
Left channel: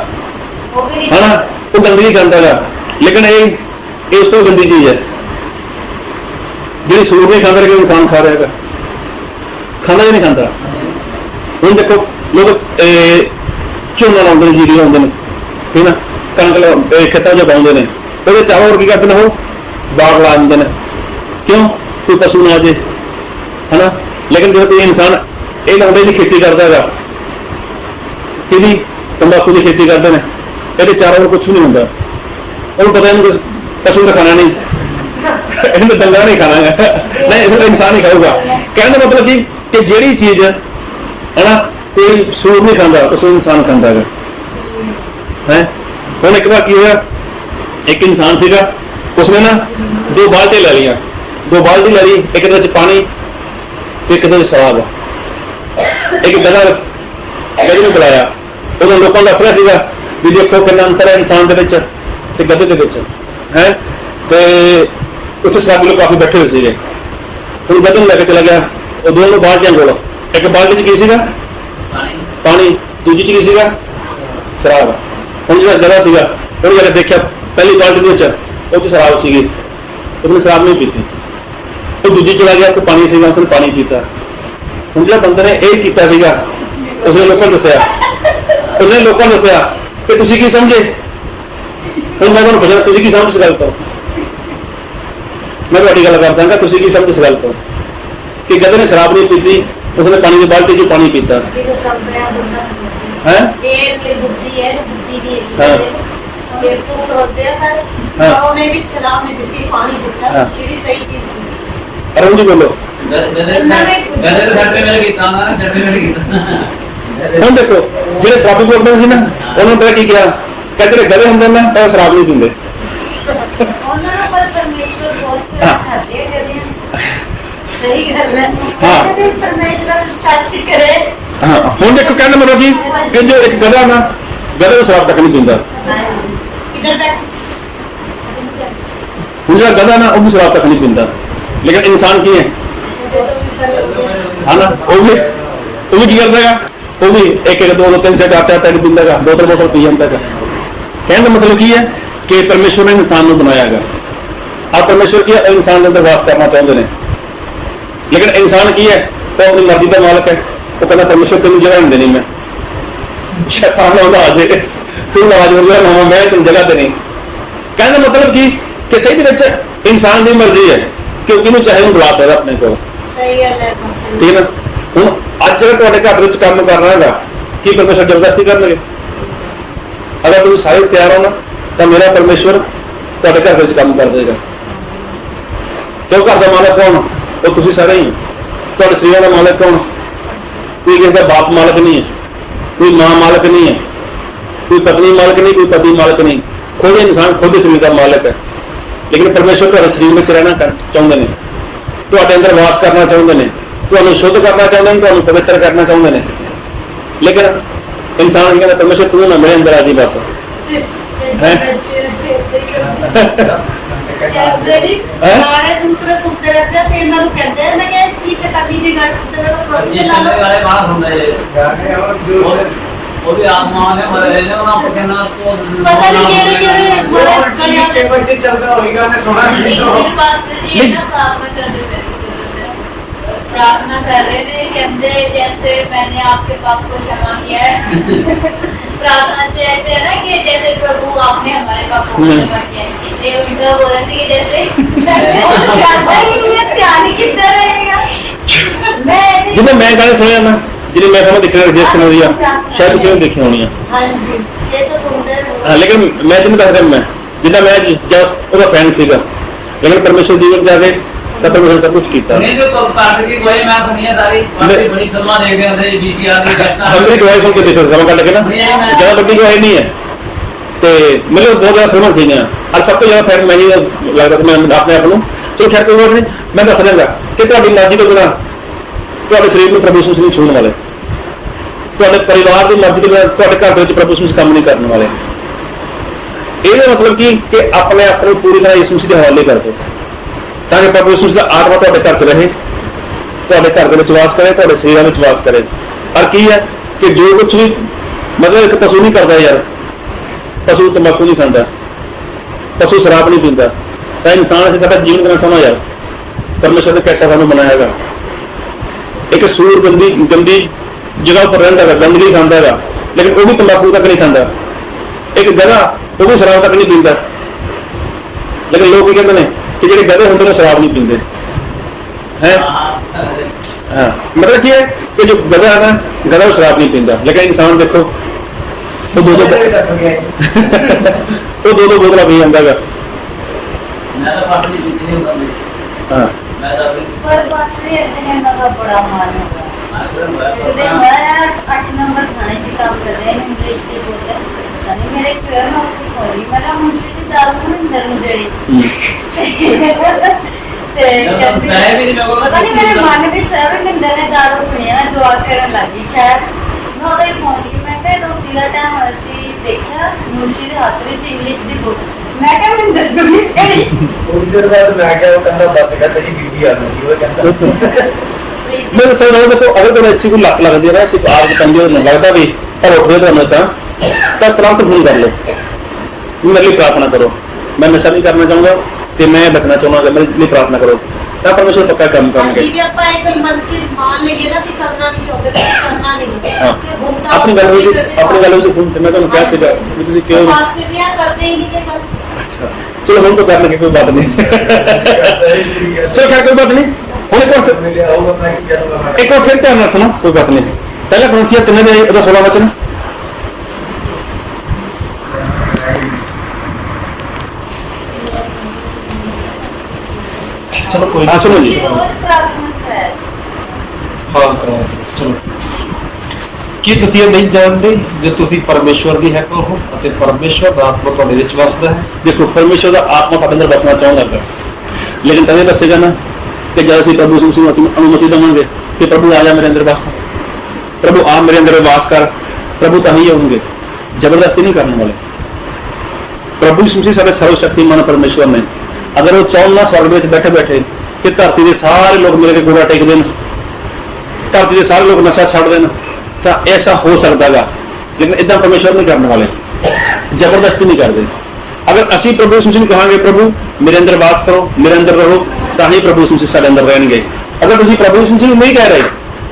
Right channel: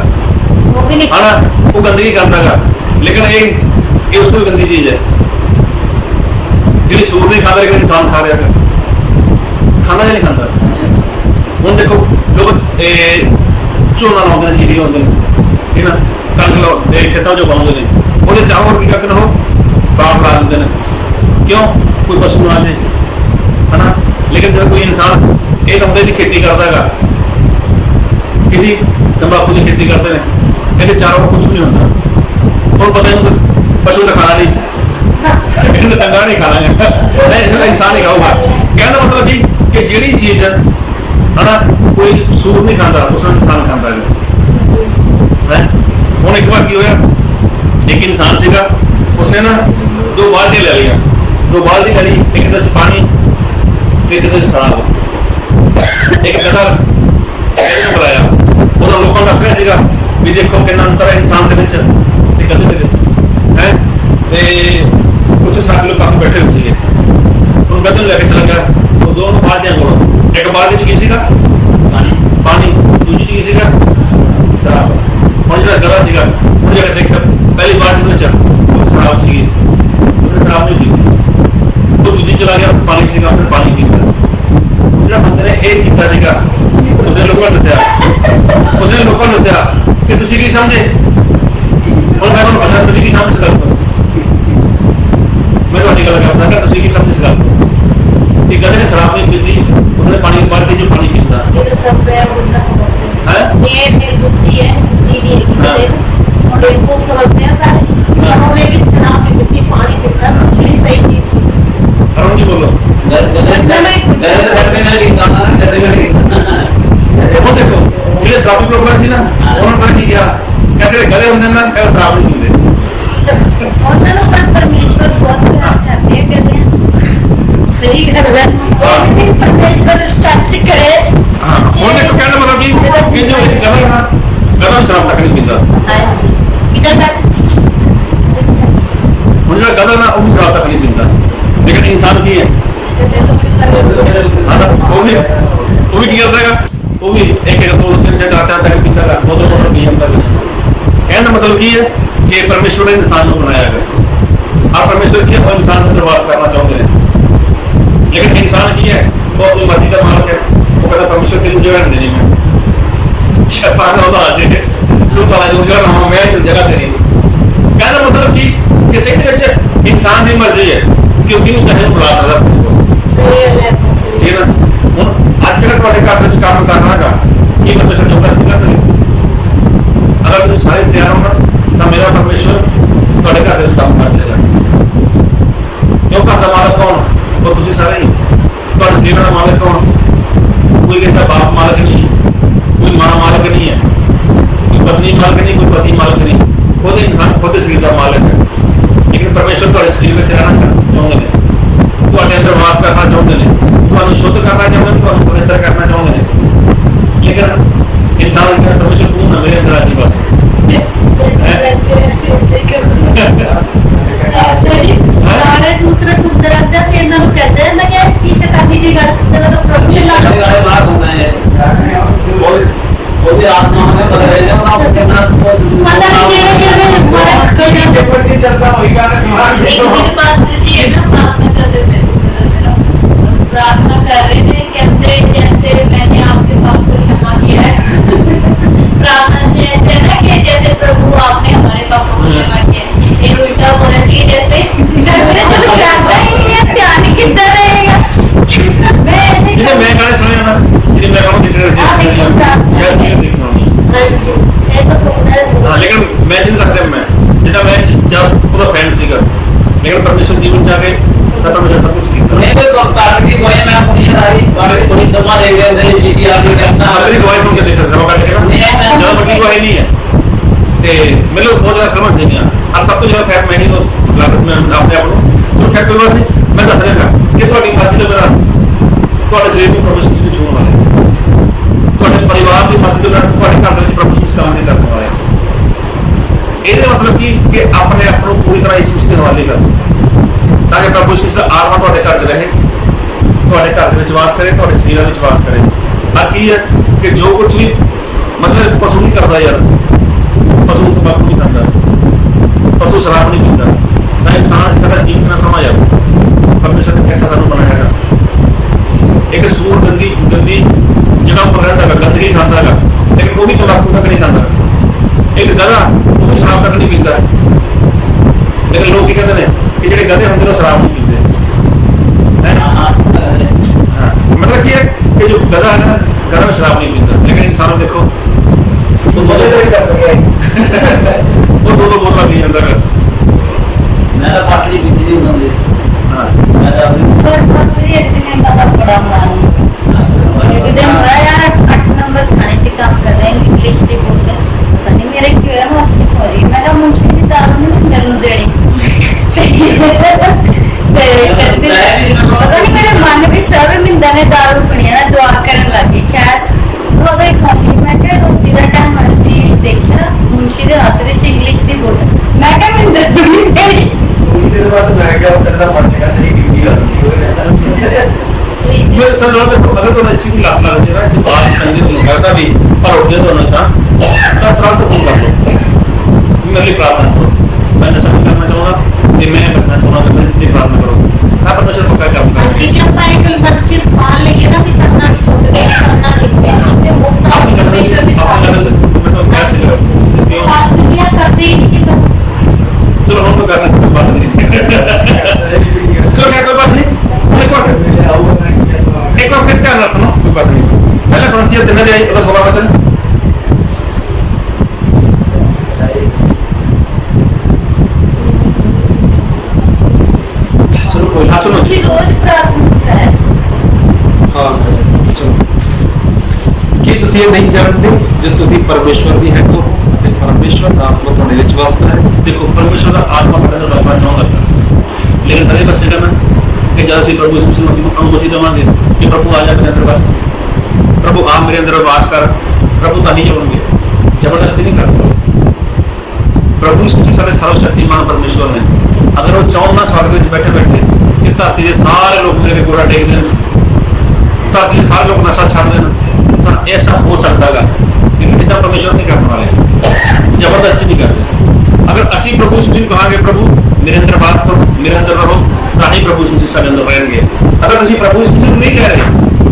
है ना, वो गंदगी करता है। लेकिन ये उस तो गंदी चीज है जी। सूर नहीं खाता लेकिन इंसान खा रहा है, खाना ही नहीं खाता। ਹੁਣ देखो लोग ਝੋਨਾ ਲਾਉਂਦੇ ਨੇ, ਜੀਰੀ ਲਾਉਂਦੇ ਨੇ, ਠੀਕ ਨਾ, ਕਣਕ ਖੇਤਾਂ 'ਚ ਉਗਾਉਂਦੇ ਨੇ, ਉਹਦੇ ਚਾਹੋਂ ਹੋਰ ਕੀ ਕਰਦੇ ਨੇ, ਉਹ ਬਾਗ ਲਾ ਦਿੰਦੇ ਨੇ। ਕਿਉਂ? ਕੋਈ ਪਸ਼ੂ ਨਾ ਆ ਜੇ, ਹੈ ਨਾ। ਲੇਕਿਨ ਜਦੋਂ ਕੋਈ ਇਨਸਾਨ ਇਹ ਲਾਉਂਦੇ ਦੀ ਖੇਤੀ ਕਰਦਾ ਹੈਗਾ, ਕਿਹਦੀ? ਤੰਬਾਕੂ ਦੀ ਖੇਤੀ ਕਰਦੇ ਨੇ, ਇਹਦੇ ਚਾਰੋਂ ਹੋਰ ਕੁਛ ਨਹੀਂ ਹੁੰਦਾ। ਉਹਨੂੰ ਪਤਾ ਇਹਨੂੰ ਪਸ਼ੂ ਨੇ ਖਾਣਾ ਨਹੀਂ, ਇਹਨੂੰ ਤੰਗਾ ਨਹੀਂ ਖਾਣਾ ਹੈ, ਨਹੀਂ ਇਹਨੂੰ ਇਨਸਾਨ ਹੀ ਖਾਊਗਾ। ਕਹਿਣ ਦਾ ਮਤਲਬ ਕਿ ਜਿਹੜੀ ਚੀਜ਼ है ना कोई सूर नहीं खाता, उसको इंसान खाता है। हम एक बार की हुआ, एक इंसान सीगा, उसने ना 2 बाल्टी ले लिया, 2 बाल्टी ले ली, एक पानी तो एक शराब। एक गधा में बुलाया, उन्होंने लोगों को दस रहा सीगा भी देखो कितना अंतर है इंसान के विच ते गधे के विच है। तो कुछ शराबी लोग काफी बैठे हुए सीगे, उन्होंने गधे लेके चला गया, वो दोनों बाल्टियां जोड़ो, एक बाल्टी च की सीगा पानी, दूजी च की सीगा शराब। हम जो गधा सीगा उन्हें जाकर देखा, पहली बाल्टी वो तो शराब सीगी, उसने शराब नहीं पीती। तो दूजी चला गया तो पानी सीगा, उसने पानी पीता। हम जो बंदे ने यह किया सीगा, उसने लोगों ने दसिया, उसने लोगों ने दसिया कि तुसी की समझे। हम मैं तुहानू पुछना, तुसी की समझ इस गल तो? मैं तुहाडी गल करदा, तुसी की समझ इस गल तो कि गधे ने शराब नहीं पीती, उसने पानी की बाल्टी च पानी पीता है। अरुण जी बोलो। हम देखो जो शराबी प्रोग्राम से ना, उन्होंने पता की किया, कहते गधे होंगे ना पहले शराब नहीं पीते। सही गल है, परमेश्वर सच करे। ਹੁਣ ਦੇਖੋ ਕਹਿਣ ਦਾ ਮਤਲਬ ਕਿ ਜੋ ਇੱਕ ਗਧਾ ਨਾ, ਗਧਾ ਵੀ ਸ਼ਰਾਬ ਤੱਕ ਨਹੀਂ ਪੀਂਦਾ। ਹੁਣ ਜਿਹੜਾ ਗਧਾ ਨਾ, ਉਹ ਵੀ ਸ਼ਰਾਬ ਤੱਕ ਨਹੀਂ ਪੀਂਦਾ। ਲੇਕਿਨ ਇਨਸਾਨ ਕੀ ਹੈ, ਹਾਂ, ਉਹ ਵੀ ਕੀ ਕਰਦਾ ਹੈਗਾ, ਉਹ ਵੀ ਇੱਕ 2 3 4 ਤੱਕ ਪੀਂਦਾ ਹੈਗਾ, ਬੋਤਲ ਪੀ ਜਾਂਦਾ ਹੈਗਾ। ਕਹਿਣ ਦਾ ਮਤਲਬ ਕੀ ਹੈ ਕਿ ਪਰਮੇਸ਼ਵਰ ਨੇ ਇਨਸਾਨ ਨੂੰ ਬਣਾਇਆ ਹੈਗਾ। ਆ ਪਰਮੇਸ਼ਵਰ ਕੀ ਹੈ, ਉਹ ਇਨਸਾਨ ਦੇ ਅੰਦਰ ਵਾਸ ਕਰਨਾ ਚਾਹੁੰਦੇ ਨੇ। लेकिन इंसान की है, वो अपनी मर्जी का मालिक है। वो कहता परमेश्वर तेन जगह नहीं देनी, मैं शैतान आ जाए तू आज मैं तेन जगह देनी। कहने का मतलब कि सही इंसान की मर्जी है कि किनू चाहे बुला सकता अपने को, ठीक है ना। हूँ अज अगर तुहाडे घर में काम करना है कि परमेश्वर जबरदस्ती कर देंगे? अगर तुम सारे तैयार हो ना, तो मेरा परमेश्वर तुहाडे घर में काम कर देगा। क्यों? घर का मालिक कौन? वो तुसी सारे ही। तुहाडे शरीर का मालिक कौन? कोई किसी का बाप मालिक नहीं है, कोई मां मालिक नहीं है, कोई पत्नी मालिक नहीं, कोई पति मालिक नहीं। खुद इंसान खुद शरीर का मालिक है। लेकिन परमेश्वर तुहाडे शरीर में रहना चाहते हैं, तुहाडे अंदर वास करना चाहते हैं, तुहानू शुद्ध करना चाहते हैं, तुहानू पवित्र करना चाहते हैं। लेकिन इंसान कहता परमेश्वर तू ना मेरे अंदर आ जी बस। दूसरे सुनते रहते हैं, से इन्होंने कहते हैं ना कि शैतानी जी गढ़ सुनते हैं तो प्रभु के लाल वाले बात होता है वो भी आत्मा में पर है ना, वो कहना पता नहीं केड़े केड़े बड़े कलियां पेपर से चलता होई गाने सुना एक मेरे पास जी है ना, प्रार्थना कर रहे थे, प्रार्थना कर रहे थे, कहते जैसे मैंने आपके पाप को क्षमा किया है। प्रार्थना से कहते हैं ना कि जैसे प्रभु आपने हमारे पाप को क्षमा किया है। ये उल्टा बोल रहे थे कि जैसे जानता ही नहीं है, ध्यान ही कितना रहेगा। जिन्हें मैं गाने सुने ना, जिन्हें मैं कहूँ दिख रहा है जिस तरह शायद उसे देखी होनी है। हाँ, लेकिन मैं जिन्हें दस रहा मैं जिन्हें मैं जस्ट ਉਹਦਾ ਫਰੈਂਡ ਸੀਗਾ, लेकिन परमेश्वर जीवन जाके तो परमेश्वर सब कुछ किया। नहीं तो कारण की कोई मैं सुनी है सारी बातें बड़ी कमा देख रहे थे पीसीआर की करता सबकी गवाही सुन के देखा समय कट के ना ज्यादा बड़ी गवाही नहीं है ते मेरे को बहुत ज्यादा फिल्म सी ने और सब तो ज्यादा फैक्ट मैं ही लगता मैं अपने आप को तो खैर कोई बात नहीं मैं दस रहा कि ਤੁਹਾਡੀ ਮਰਜ਼ੀ ਤੋਂ ਬਿਨਾਂ ਤੁਹਾਡੇ ਸਰੀਰ ਨੂੰ ਪ੍ਰਭੂ ਯਿਸੂ ਨਹੀਂ ਛੂਹਣ ਵਾਲੇ, ਤੁਹਾਡੇ ਪਰਿਵਾਰ ਦੀ ਮਰਜ਼ੀ ਤੋਂ ਬਿਨਾਂ ਤੁਹਾਡੇ ਘਰ ਦੇ ਵਿੱਚ ਪ੍ਰਭੂ ਯਿਸੂ ਕੰਮ ਨਹੀਂ ਕਰਨ ਵਾਲੇ। ਇਹਦਾ ਮਤਲਬ ਕਿ ਆਪਣੇ ਆਪ ਨੂੰ ਪੂਰੀ ਤਰ੍ਹਾਂ ਯਿਸੂ ਦੇ ਹਵਾਲੇ ਕਰ ਦਿਓ ਤਾਂ ਕਿ ਪ੍ਰਭੂ ਯਿਸੂ ਦਾ ਆਤਮਾ ਤੁਹਾਡੇ ਘਰ 'ਚ ਰਹੇ, ਤੁਹਾਡੇ ਘਰ ਦੇ ਵਿੱਚ ਵਾਸ ਕਰੇ, ਤੁਹਾਡੇ ਸਰੀਰਾਂ ਵਿੱਚ ਵਾਸ ਕਰੇ। ਪਰ ਕੀ ਹੈ ਕਿ ਜੋ ਕੁਝ ਵੀ ਮਤਲਬ ਇੱਕ ਪਸ਼ੂ ਨਹੀਂ ਕਰਦਾ ਯਾਰ, ਪਸ਼ੂ ਤੰਬਾਕੂ ਨਹੀਂ ਖਾਂਦਾ, ਪਸ਼ੂ ਸ਼ਰਾਬ ਨਹੀਂ ਪੀਂਦਾ, ਤਾਂ ਇਨਸਾਨ ਅਸੀਂ ਸਾਡਾ ਜੀਵਨ ਕਿੰਨਾ ਸਮਾਂ ਯਾਰ परमेश्वर ने कैसा सानू बनाया। एक सूर गंदी जगह पर रहता है, गंदगी खाता है, लेकिन वो भी तंबाकू तक नहीं खाता। एक गधा वो भी शराब तक नहीं पीता, लेकिन लोग कहते हैं कि जो गधे होंगे वो शराब नहीं पीते हैं। हाँ मतलब क्या है कि जो गधा है ना, गधा वो शराब नहीं पीता, लेकिन इंसान देखो वो दो बोतल पी जाता है। मैं तो पाटली पीती नहीं होंगी। हाँ पर पासरी एक दिन का बड़ा मान एक दिन मैं 8 नंबर खाने च काम कर रहे हैं इंग्लिश की बुक है पता नहीं मेरे क्यों है ना खोली मैं कहा मुझे भी दाल में अंदर नु देनी ते कहती पता नहीं मेरे मन ਵਿੱਚ ਆਵੇ ਮਿੰਦਾ ਨੇ ਦਾਲ ਪਣੀਆਂ ਨਾ ਦੁਆ ਕਰਨ ਲੱਗੀ। ਖੈਰ ਉਹਦਾ ਹੀ ਖਾਜੀ ਮੈਂ ਕਿਹਾ ਰੋਟੀ ਦਾ ਟਾਈਮ ਅਸੀਂ ਦੇਖਿਆ ਮੁੰਸ਼ੀ ਦੇ ਹੱਥ ਵਿੱਚ ਇੰਗਲਿਸ਼ ਦੀ ਬੁੱਕ ਮੈਂ ਕਿਹਾ ਮਿੰਦਰ ਨੂੰ ਨਹੀਂ ਦੇਣੀ। थोड़ी देर बाद मैं क्या होता था बच का तेरी बीबी आ गई वो कहता मेरे सर लोग देखो अगर तो अच्छी कोई लत लग जाए ना, ऐसी बात करनी हो लगता भी पर उठे तो ना तो तुरंत फोन कर लो, मेरे लिए प्रार्थना करो। मैं नशा भी करना चाहूँगा तो मैं बचना चाहूँगा कि मेरे लिए प्रार्थना करो तो परमेश्वर पक्का काम करेंगे। जी ਆਪਾਂ ਇੱਕ ਮਸਜਿਦ ਪਾਣ ਲੱਗੇ ਨਾ ਅਸੀਂ ਕਰਨਾ ਨਹੀਂ ਛੋਟੇ ਤੋਂ ਕਰਨਾ ਨਹੀਂ ਤੇ ਉਹ ਤਾਂ अपनी गलों से मैं तो क्या सीखा क्यों ਆਸਟ੍ਰੇਲੀਆ ਕਰਦੇ ਹੀ ਨਹੀਂ ਕਿ चलो हम तो करने की कोई बात नहीं चलो खैर कोई बात नहीं मुझे कौन मेरे आऊंगा मैं क्या एक और फिर ध्यान ना सुनो कोई बात नहीं। पहला ग्रंथिया 3:16 वचन चलो कोई हाँ सुनो जी रोज प्रार्थना कर ਹਾਂ ਚਲੋ ਕੀ ਤੁਸੀਂ ਇਹ ਨਹੀਂ ਜਾਣਦੇ ਜੇ ਤੁਸੀਂ ਪਰਮੇਸ਼ਵਰ ਦੀ ਹੈਕਲ ਹੋ ਅਤੇ ਪਰਮੇਸ਼ਵਰ ਦਾ ਆਤਮਾ ਤੁਹਾਡੇ ਵਿੱਚ ਵਸਦਾ ਹੈ। देखो परमेश्वर का आत्मा साढ़े अंदर बसना चाहता है, लेकिन कदे बसेगा ना कि जब असं प्रभु यीशु मसीह ਨੂੰ अनुमति देवांगे कि प्रभु आ जा मेरे अंदर बस, प्रभु आ मेरे अंदर वास कर, प्रभु तो ही आएंगे, जबरदस्ती नहीं करने वाले। प्रभु यीशु मसीह साढ़े सर्वशक्तिमान परमेश्वर ने अगर वो चाहन ना स्वर्ग में बैठे बैठे कि धरती के सारे लोग मेरे के गोड़ा टेक देन, धरती के सारे लोग नशा छड़ देन, तो ऐसा हो सकता है, लेकिन इतना परमेश्वर नहीं करने वाले, जबरदस्ती नहीं करते। अगर असी प्रभु यीशु मसीह कहांगे प्रभु मेरे अंदर वास करो, मेरे अंदर रहो, तो ही प्रभु यीशु मसीह साडे अंदर रहेंगे। अगर तुम प्रभु यीशु मसीह नहीं कह रहे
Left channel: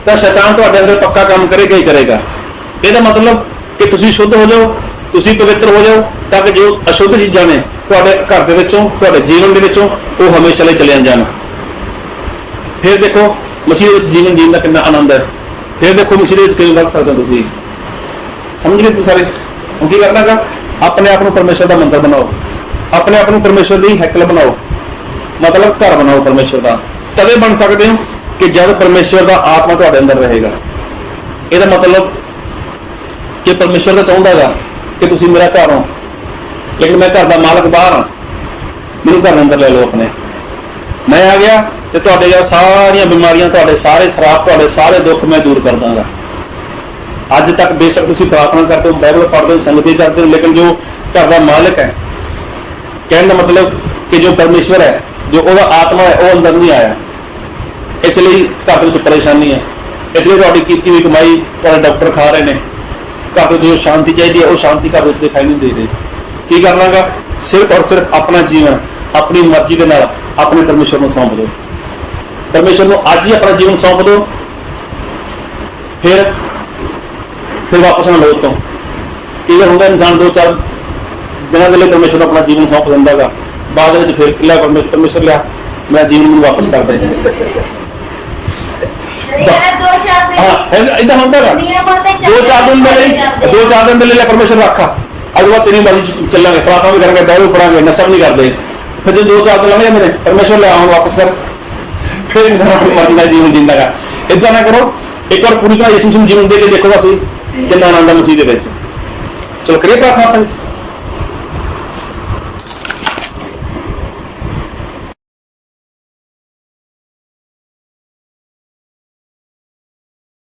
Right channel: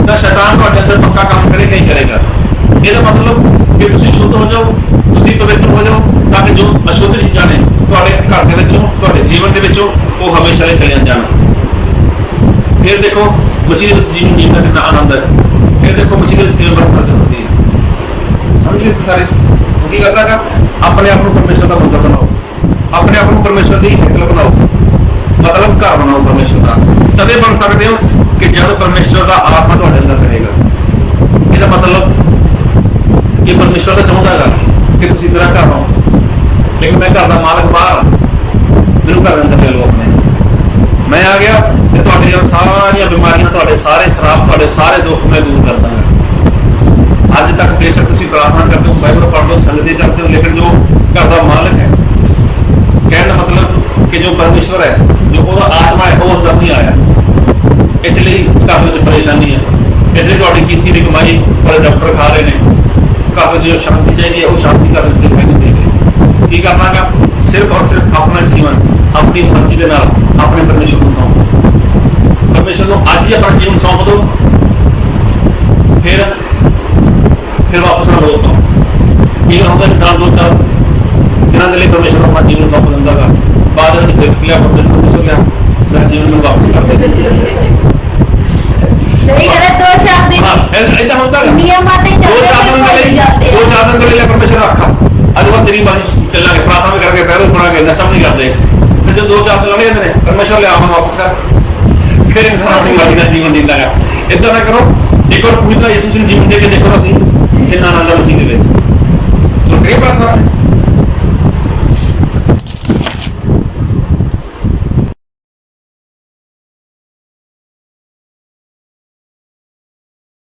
तो शैतान तुहाडे अंदर पक्का काम करेगा ही करेगा। ਇਹਦਾ मतलब कि तुसीं शुद्ध हो जाओ, तुसीं पवित्र हो जाओ, ताकि जो अशुद्ध चीज़ां ने तुहाडे घर दे विचों तुहाडे जीवन दे विचों वो हमेशा लिए चले जाण। फिर देखो मसीह दे जीवन जीण दा कितना आनंद है। फिर देखो मसीह दे विच किवें बध सकदे हो तुसीं, समझ गए तुसीं सारे। ਹੁਣ ਕੀ ਕਰਨਾ ਹੈਗਾ ਆਪਣੇ ਆਪ ਨੂੰ ਪਰਮੇਸ਼ਰ ਦਾ ਮੰਦਰ ਬਣਾਓ, ਆਪਣੇ ਆਪ ਨੂੰ ਪਰਮੇਸ਼ਰ ਦੀ ਹੈਕਲ ਬਣਾਓ, ਮਤਲਬ ਘਰ ਬਣਾਓ ਪਰਮੇਸ਼ਰ ਦਾ। ਤਦੇ ਬਣ ਸਕਦੇ ਹੋ ਕਿ ਜਦ ਪਰਮੇਸ਼ਰ ਦਾ ਆਤਮਾ ਤੁਹਾਡੇ ਅੰਦਰ ਰਹੇਗਾ। ਇਹਦਾ ਮਤਲਬ ਕਿ ਪਰਮੇਸ਼ਰ ਦਾ ਚਾਹੁੰਦਾ ਹੈਗਾ ਕਿ ਤੁਸੀਂ ਮੇਰਾ ਘਰ ਹੋ, ਲੇਕਿਨ ਮੈਂ ਘਰ ਦਾ ਮਾਲਕ ਬਾਹਰ ਹਾਂ, ਮੈਨੂੰ ਘਰ ਅੰਦਰ ਲੈ ਲਓ ਆਪਣੇ। ਮੈਂ ਆ ਗਿਆ ਤੇ ਤੁਹਾਡੇ ਸਾਰੀਆਂ ਬਿਮਾਰੀਆਂ, ਤੁਹਾਡੇ ਸਾਰੇ ਸ਼ਰਾਪ, ਤੁਹਾਡੇ ਸਾਰੇ ਦੁੱਖ ਮੈਂ ਦੂਰ ਕਰ ਦਾਂਗਾ। ਅੱਜ ਤੱਕ ਬੇਸ਼ੱਕ ਤੁਸੀਂ ਪ੍ਰਾर्थना करते हो, बाइबल पढ़ते हो, संगति करते हो, लेकिन जो घर का मालिक है, कहने का मतलब कि जो परमेश्वर है, जो वो आत्मा है, वो अंदर नहीं आया। इसलिए घर में परेशानी है, इसलिए थोड़ी की हुई कमाई थोड़े डॉक्टर खा रहे हैं। घर में जो शांति चाहिए वो शांति घर में दिखाई नहीं दे रही। की करना गा सिर्फ और सिर्फ अपना जीवन अपनी मर्जी के नाल अपने परमेश्वर को सौंप दो। परमेश्वर को आज ही अपना जीवन सौंप दो, फिर वापस ना लौट तो की होगा इंसान 2-4 दिनों के लिए परमेश्वर अपना जीवन सौंप देंदा गा, बाद में फिर लिया परमेश्वर लिया मेरा जीवन में वापस कर दे। सही है 2-4 दिन हाँ इतना होता है नियमां ते 2-4 दिन के लिए 2-4 दिन के लिए परमेश्वर रखा, अज वो तेरी मर्जी चलेंगे, प्रार्थना भी करेंगे, बाइबल पढ़ांगे, नशा नहीं करते, ਫਿਰ ਜਦੋਂ 2-4 ਦਿਨ ਲੰਘ ਜਾਂਦੇ ਨੇ ਪਰਮੇਸ਼ਵਰ ਲਿਆ ਹੁਣ ਵਾਪਸ ਕਰ, ਫਿਰ ਇਨਸਾਨ ਆਪਣੀ ਮਰਜ਼ੀ ਦਾ ਜੀਵਨ ਜੀਂਦਾ ਗਾ। ਏਦਾਂ ਨਾ ਕਰੋ, ਇੱਕ ਵਾਰ ਪੂਰੀ ਤਰ੍ਹਾਂ ਯਿਸੂ ਨੂੰ ਜੀਵਨ ਦੇ ਕੇ ਦੇਖੋ ਤਾਂ ਸਹੀ ਕਿੰਨਾ ਆਨੰਦ ਹੈ ਮਸੀਹ ਦੇ ਵਿੱਚ। ਚਲੋ ਕਰੀਏ ਪ੍ਰਾਰਥਨਾ।